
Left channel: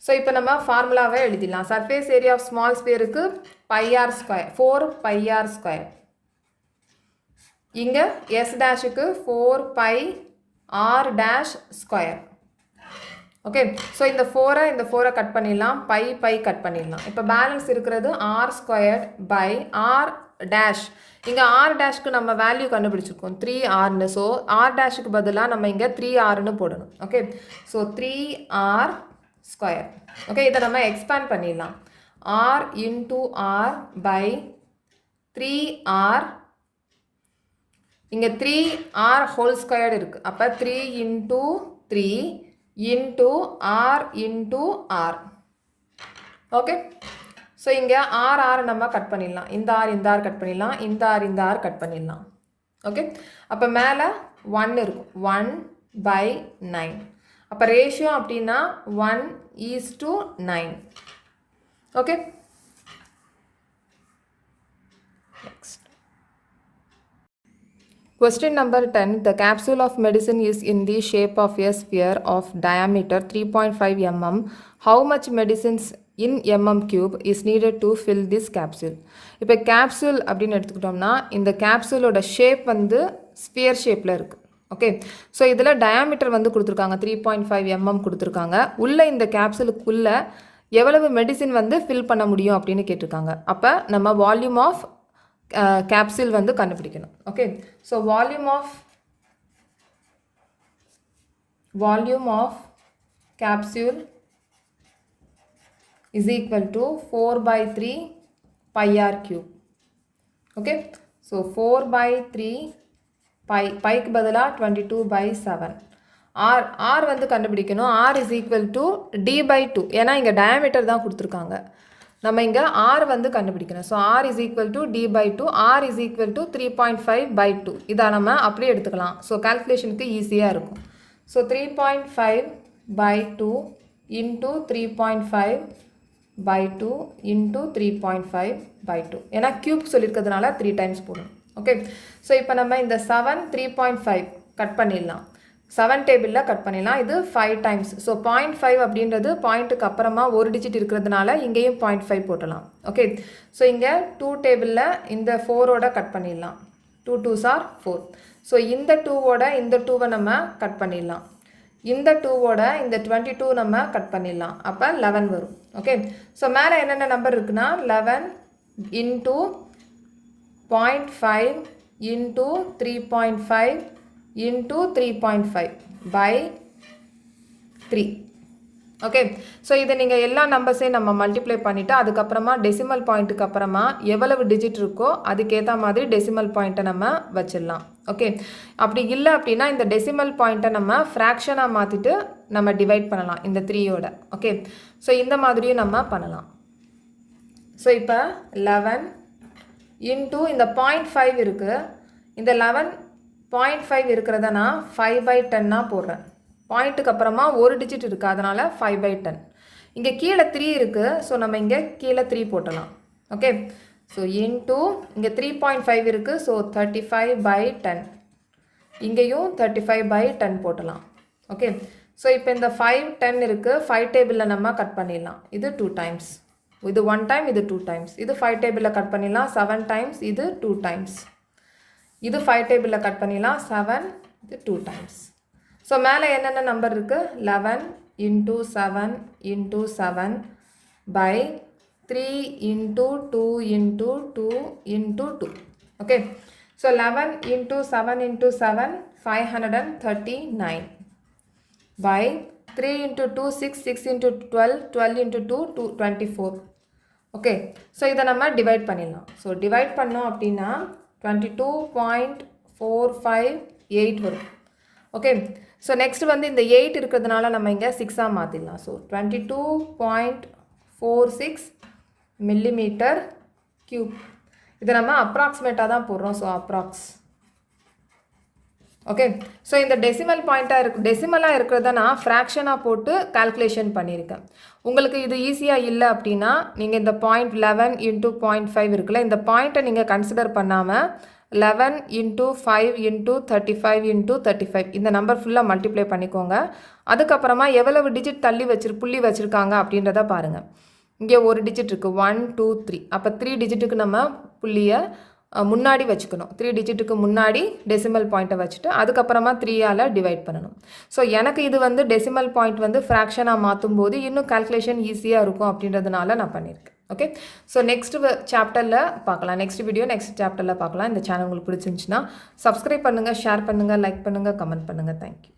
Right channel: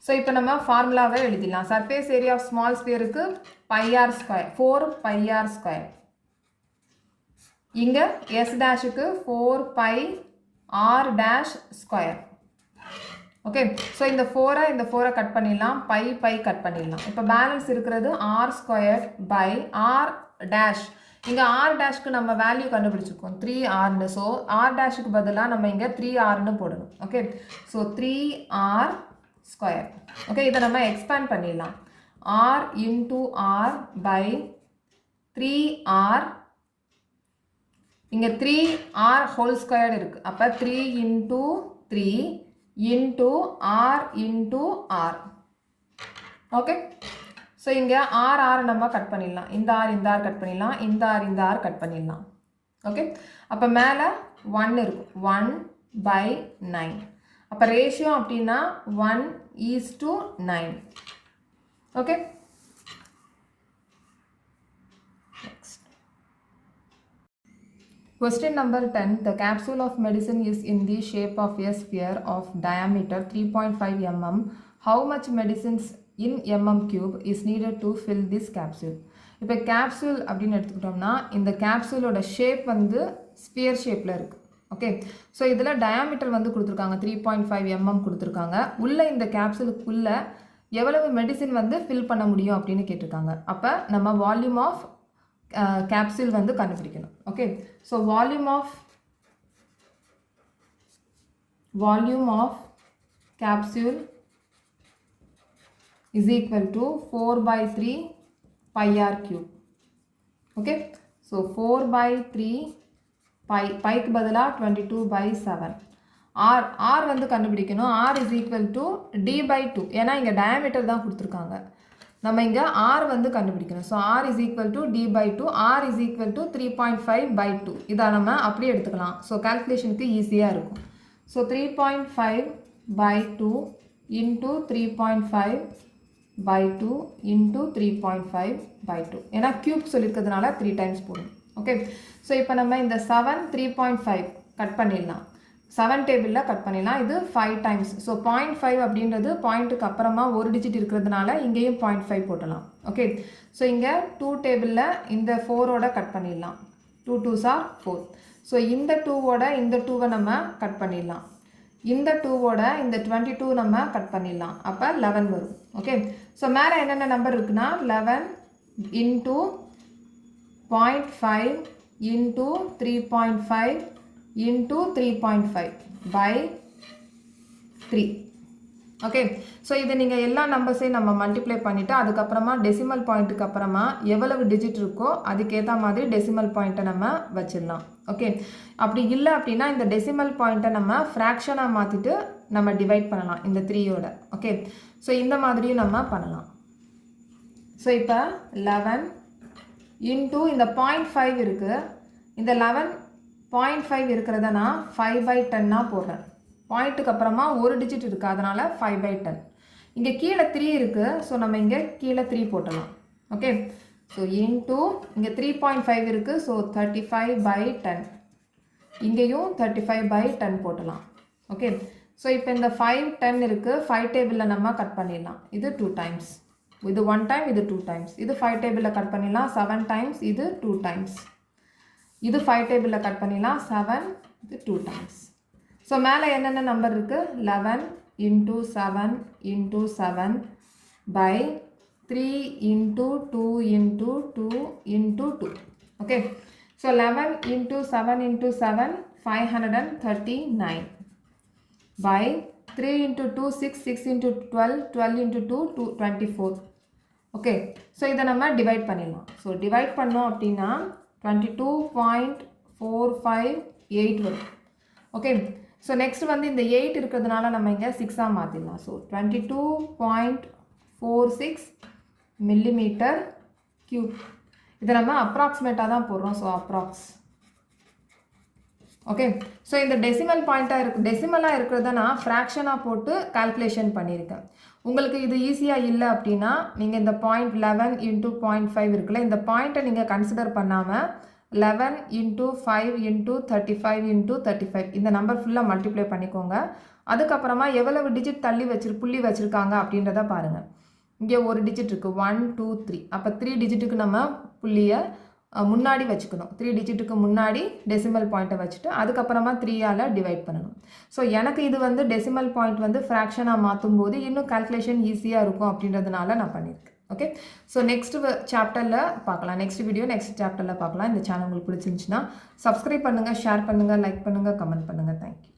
ஸோ இப்போ நம்ம ஃபார்முலாவே எழுதிடலாம். சர்ஃபேஸ் ஏரியா ஆஃப் ஸ்மால் ஸ்பியருக்கு πr ஸ்கொயர், 4πr ஸ்கொயர். இங்கே எஸ் டேஷுக்கு 4πr dash square. Okay, so இந்த 4 கட் பண்ணிடலாம், பை கட் பண்ணிடலாம். இப்போ பேலன்ஸ் இருக்கிறது r square by r dash. இங்கே ஆர் டேஷ்க்கு நம்ம வேல்யூ கண்டுபிடிச்சிருக்கோம் 3rன்னு. ஸோ ஆர் டேஷுக்கு பதிலாக நம்ம இங்கே 3rன்னு போடணும். Okay, so 3r square. Okay, இதை நம்ம எக்ஸ்பேண்ட் பண்ணிடலாம். r into r by 3r இங்கே 3r ஹோல் ஸ்கொயர்டு இருக்குது. அப்போ 3 into 3 into r into r. Okay, so இங்கே r நம்ம கட் பண்ணிடலாம். இந்த r கட் பண்ணிடலாம், இந்த r கட் பண்ணிடலாம். ஓகே, அப்போ மேலே 1 இருக்கும், 1/9. அப்போ ரேஷியோ அப்படின்னா 1:9. Okay, next. Question number 10. The capsule of medicine is in the shape of a sphere of diameter 3.5 mm. How much medicines in mm cube is needed to fill this capsule? இப்போ capsule அப்படின்னு எடுத்துக்கிட்டோம்னா இந்த capsuleோட shape வந்து sphere ஷேப்பில் இருக்குது. Okay, so இதில் diameter வந்து கொடுத்துருக்காங்க, 3.5 mm கொடுத்துருக்காங்க. உள்ள இந்த கேப்சூலுக்குள்ளே எவ்வளவு மெடிசின் வந்து ஃபில் பண்ண முடியும் அப்படின்னு கேட்டிருக்காங்க. அப்போ நம்ம வால்யூம் ஆஃப் capsule வந்து கண்டுபிடிக்கணும். Okay, so volume of capsule is equal to 4/3 pi r cube. Okay, so 4/3 பைக்கு பதிலாக 22/7. r வந்து கண்டுபிடிக்கணும். r is equal to d/2. ஏன்னா இங்கே டயாமீட்டர் தான் கொடுத்துருக்காங்க, நம்ம இங்கே r வந்து கண்டுபிடிக்கணும். So r is equal to d/2, r is equal to 3.5/2. இதை நம்ம அப்படியே எடுத்துக்கலாம். ஸோ கால்குலேஷனுக்கு ஈஸியாக இருக்கும். So 3.5/2 into 3.5/2 into 3.5/2. ஏன்னா கியூப் சொல்லியிருக்கிறதுனால 3 டைம்ஸ் போடணும். ஓகே, ஸோ இப்போ நம்ம இந்த 7 3.5 கட் பண்ணிடலாம், 7 டேபிளில் கட் பண்ணிடலாம். இது 5 டைம்ஸ். ஸோ 0.5 அப்படின்றது பாயிண்ட்டுக்கு அப்புறமா ஒரு டிஜிட் இருக்கிறதுனால இங்கேயும் 0.5 போட்டலாம். ஓகே, ஸோ இங்கே 2 டேபிளில் இந்த 4ஓட கட் பண்ணிடலாம். 2 2s are 4. ஸோ இந்த 2ஓட இந்த 2வை நம்ம கட் பண்ணிடலாம். இந்த 2ஓட இந்த 22 நம்ம கட் பண்ணிடலாம். அப்போ 11 வரும். ஓகே, ஸோ மேலே என்னென்ன நம்பர் இருக்குன்னா 11 into 0.5 into 3.5 into 3.5/3. Okay, so இதை நீங்கள் எல்லா நம்பர்ஸையும் நம்ம மல்டிப்ளை பண்ணிவிட்டு அதுக்கப்புறமா டெசிமல் பாயிண்ட்டுக்கு அப்புறமா எவ்வளவு டிஜிட் இருக்கோ அதுக்கேற்ற மாதிரி டெசிமல் பாயிண்ட்டை நம்ம வச்சிடலாம். ஓகே, அப்படி இல்லை அப்படின்னா இந்த டெசிமல் பாயிண்ட்டை நம்ம ஃப்ராக்ஷனாக மாற்றிட்டு நம்ம டிவைட் பண்ணலாம் இந்த 3யோட. ஓகே, ஸோ இந்த மாதிரியும் நம்ம பண்ணலாம். ஸோ இப்போ 11 into இந்த 0.5 இருக்குது, இந்த 11.5 இருக்கிறத நான் 5/10 போடுறேன். பாயிண்ட்டுக்கு அப்புறமா ஒரு டிஜிட் இருக்குது, அதனால் 5/10. இங்கே கீழே 3 இருக்குது, ஸோ நம்ம இங்கே கீழே 3 போட்டலாம். ஓகே, ஸோ இன்டூ இங்கே 3.5 இருக்குது, ஸோ 35/10. இங்கேயும் 35/10 போட்டலாம். ஓகே, ஸோ இப்போ இந்த 5 10 இருக்குது, 5 டேபிளில் நம்ம கட் பண்ணிடலாம். இது 2 டைம்ஸ், இது 1 டைம், இது 2 டைம்ஸ். இது 5 டேபிளில் கட் பண்ணிடலாம் 7 டைம்ஸ், இது 2 டைம்ஸ். இது 5 டேபிளில் கட் பண்ணிடலாம் 7, இது 2 டைம்ஸ். ஸோ மேலே என்னென்ன நம்பர் இருக்குது 11 into 7 into 7/3 into 2 into 2 into 2. Okay, so 11 into 7 into 7 539/3 into 2 6 6 into 12 12 into 2 24. Okay, so இதை நம்ம டிவைட் பண்ணிடலாம். ஸோ டிவைட் பண்ணோம் அப்படின்னா 22.458 வரும். ஓகே, ஸோ நெக்ஸ்ட் வந்து இந்த 8 இருக்கிறதுனால நம்ம இங்கே 6ஆக மாற்றிடலாம். So 22.46 millimeter cube. இதை நம்ம அப்ராக்சிமேட்டாக தான் போடுறோம். So approx. ஓகே, ஸோ இந்த டெசிமல் டெசிமலாக இருக்கிறத நான் ஃப்ராக்ஷனாக போட்டு கால்குலேஷன் பண்ணியிருக்கேன். உங்களுக்கு இது ஈஸியாக இல்லை அப்படின்னா நீங்கள் இந்த 0.11 into 0.5 இருக்குல்ல, இந்த பாயிண்ட்டை நீங்கள் கன்சிடர் பண்ணாமல் 11 into 5 into 35 into 35 இந்த நம்பர் ஃபுல்லாக மல்டிப்ளை பண்ணிக்கோங்க. அதுக்கப்புறமா எவ்வளவு டிஜிட் தள்ளி புள்ளி வச்சுருக்காங்க அப்படின்றத பாருங்கள். இங்கே ஒரு டிஜிட் இருக்குது 1 2 3. அப்போ 3 டிஜிட்டுக்கு நம்ம புள்ளியை முன்னாடி வச்சுக்கணும். 3 டிஜிட்டுக்கு முன்னாடி டெசிமல் பாயிண்ட்டை வச்சுட்டு அதுக்கப்புறமா 3ஆல் டிவைட் பண்ணணும். ஸோ எனக்கு இது வந்து டெசிமல் பாயிண்ட் வந்து ஃப்ராக்ஷனாக மாற்றும் போது இன்னும் கால்குலேஷன் ஈஸியாக இருக்கும் அப்படின்றதுனால நான் பண்ணியிருக்கேன். ஓகே, ஸோ நெக்ஸ்ட் சாப்டரில் பார்க்கலாம். நெக்ஸ்ட் சாப்டரில் பார்க்கலாம். இந்த சேனல் உங்களுக்கு பிடிச்சிருந்துச்சுன்னா சப்ஸ்கிரைப் பண்ணுங்கள், ஷேர் பண்ணுங்கள், லைக் பண்ணுங்கள், கமெண்ட் பண்ணுங்கள். தேங்க்யூ.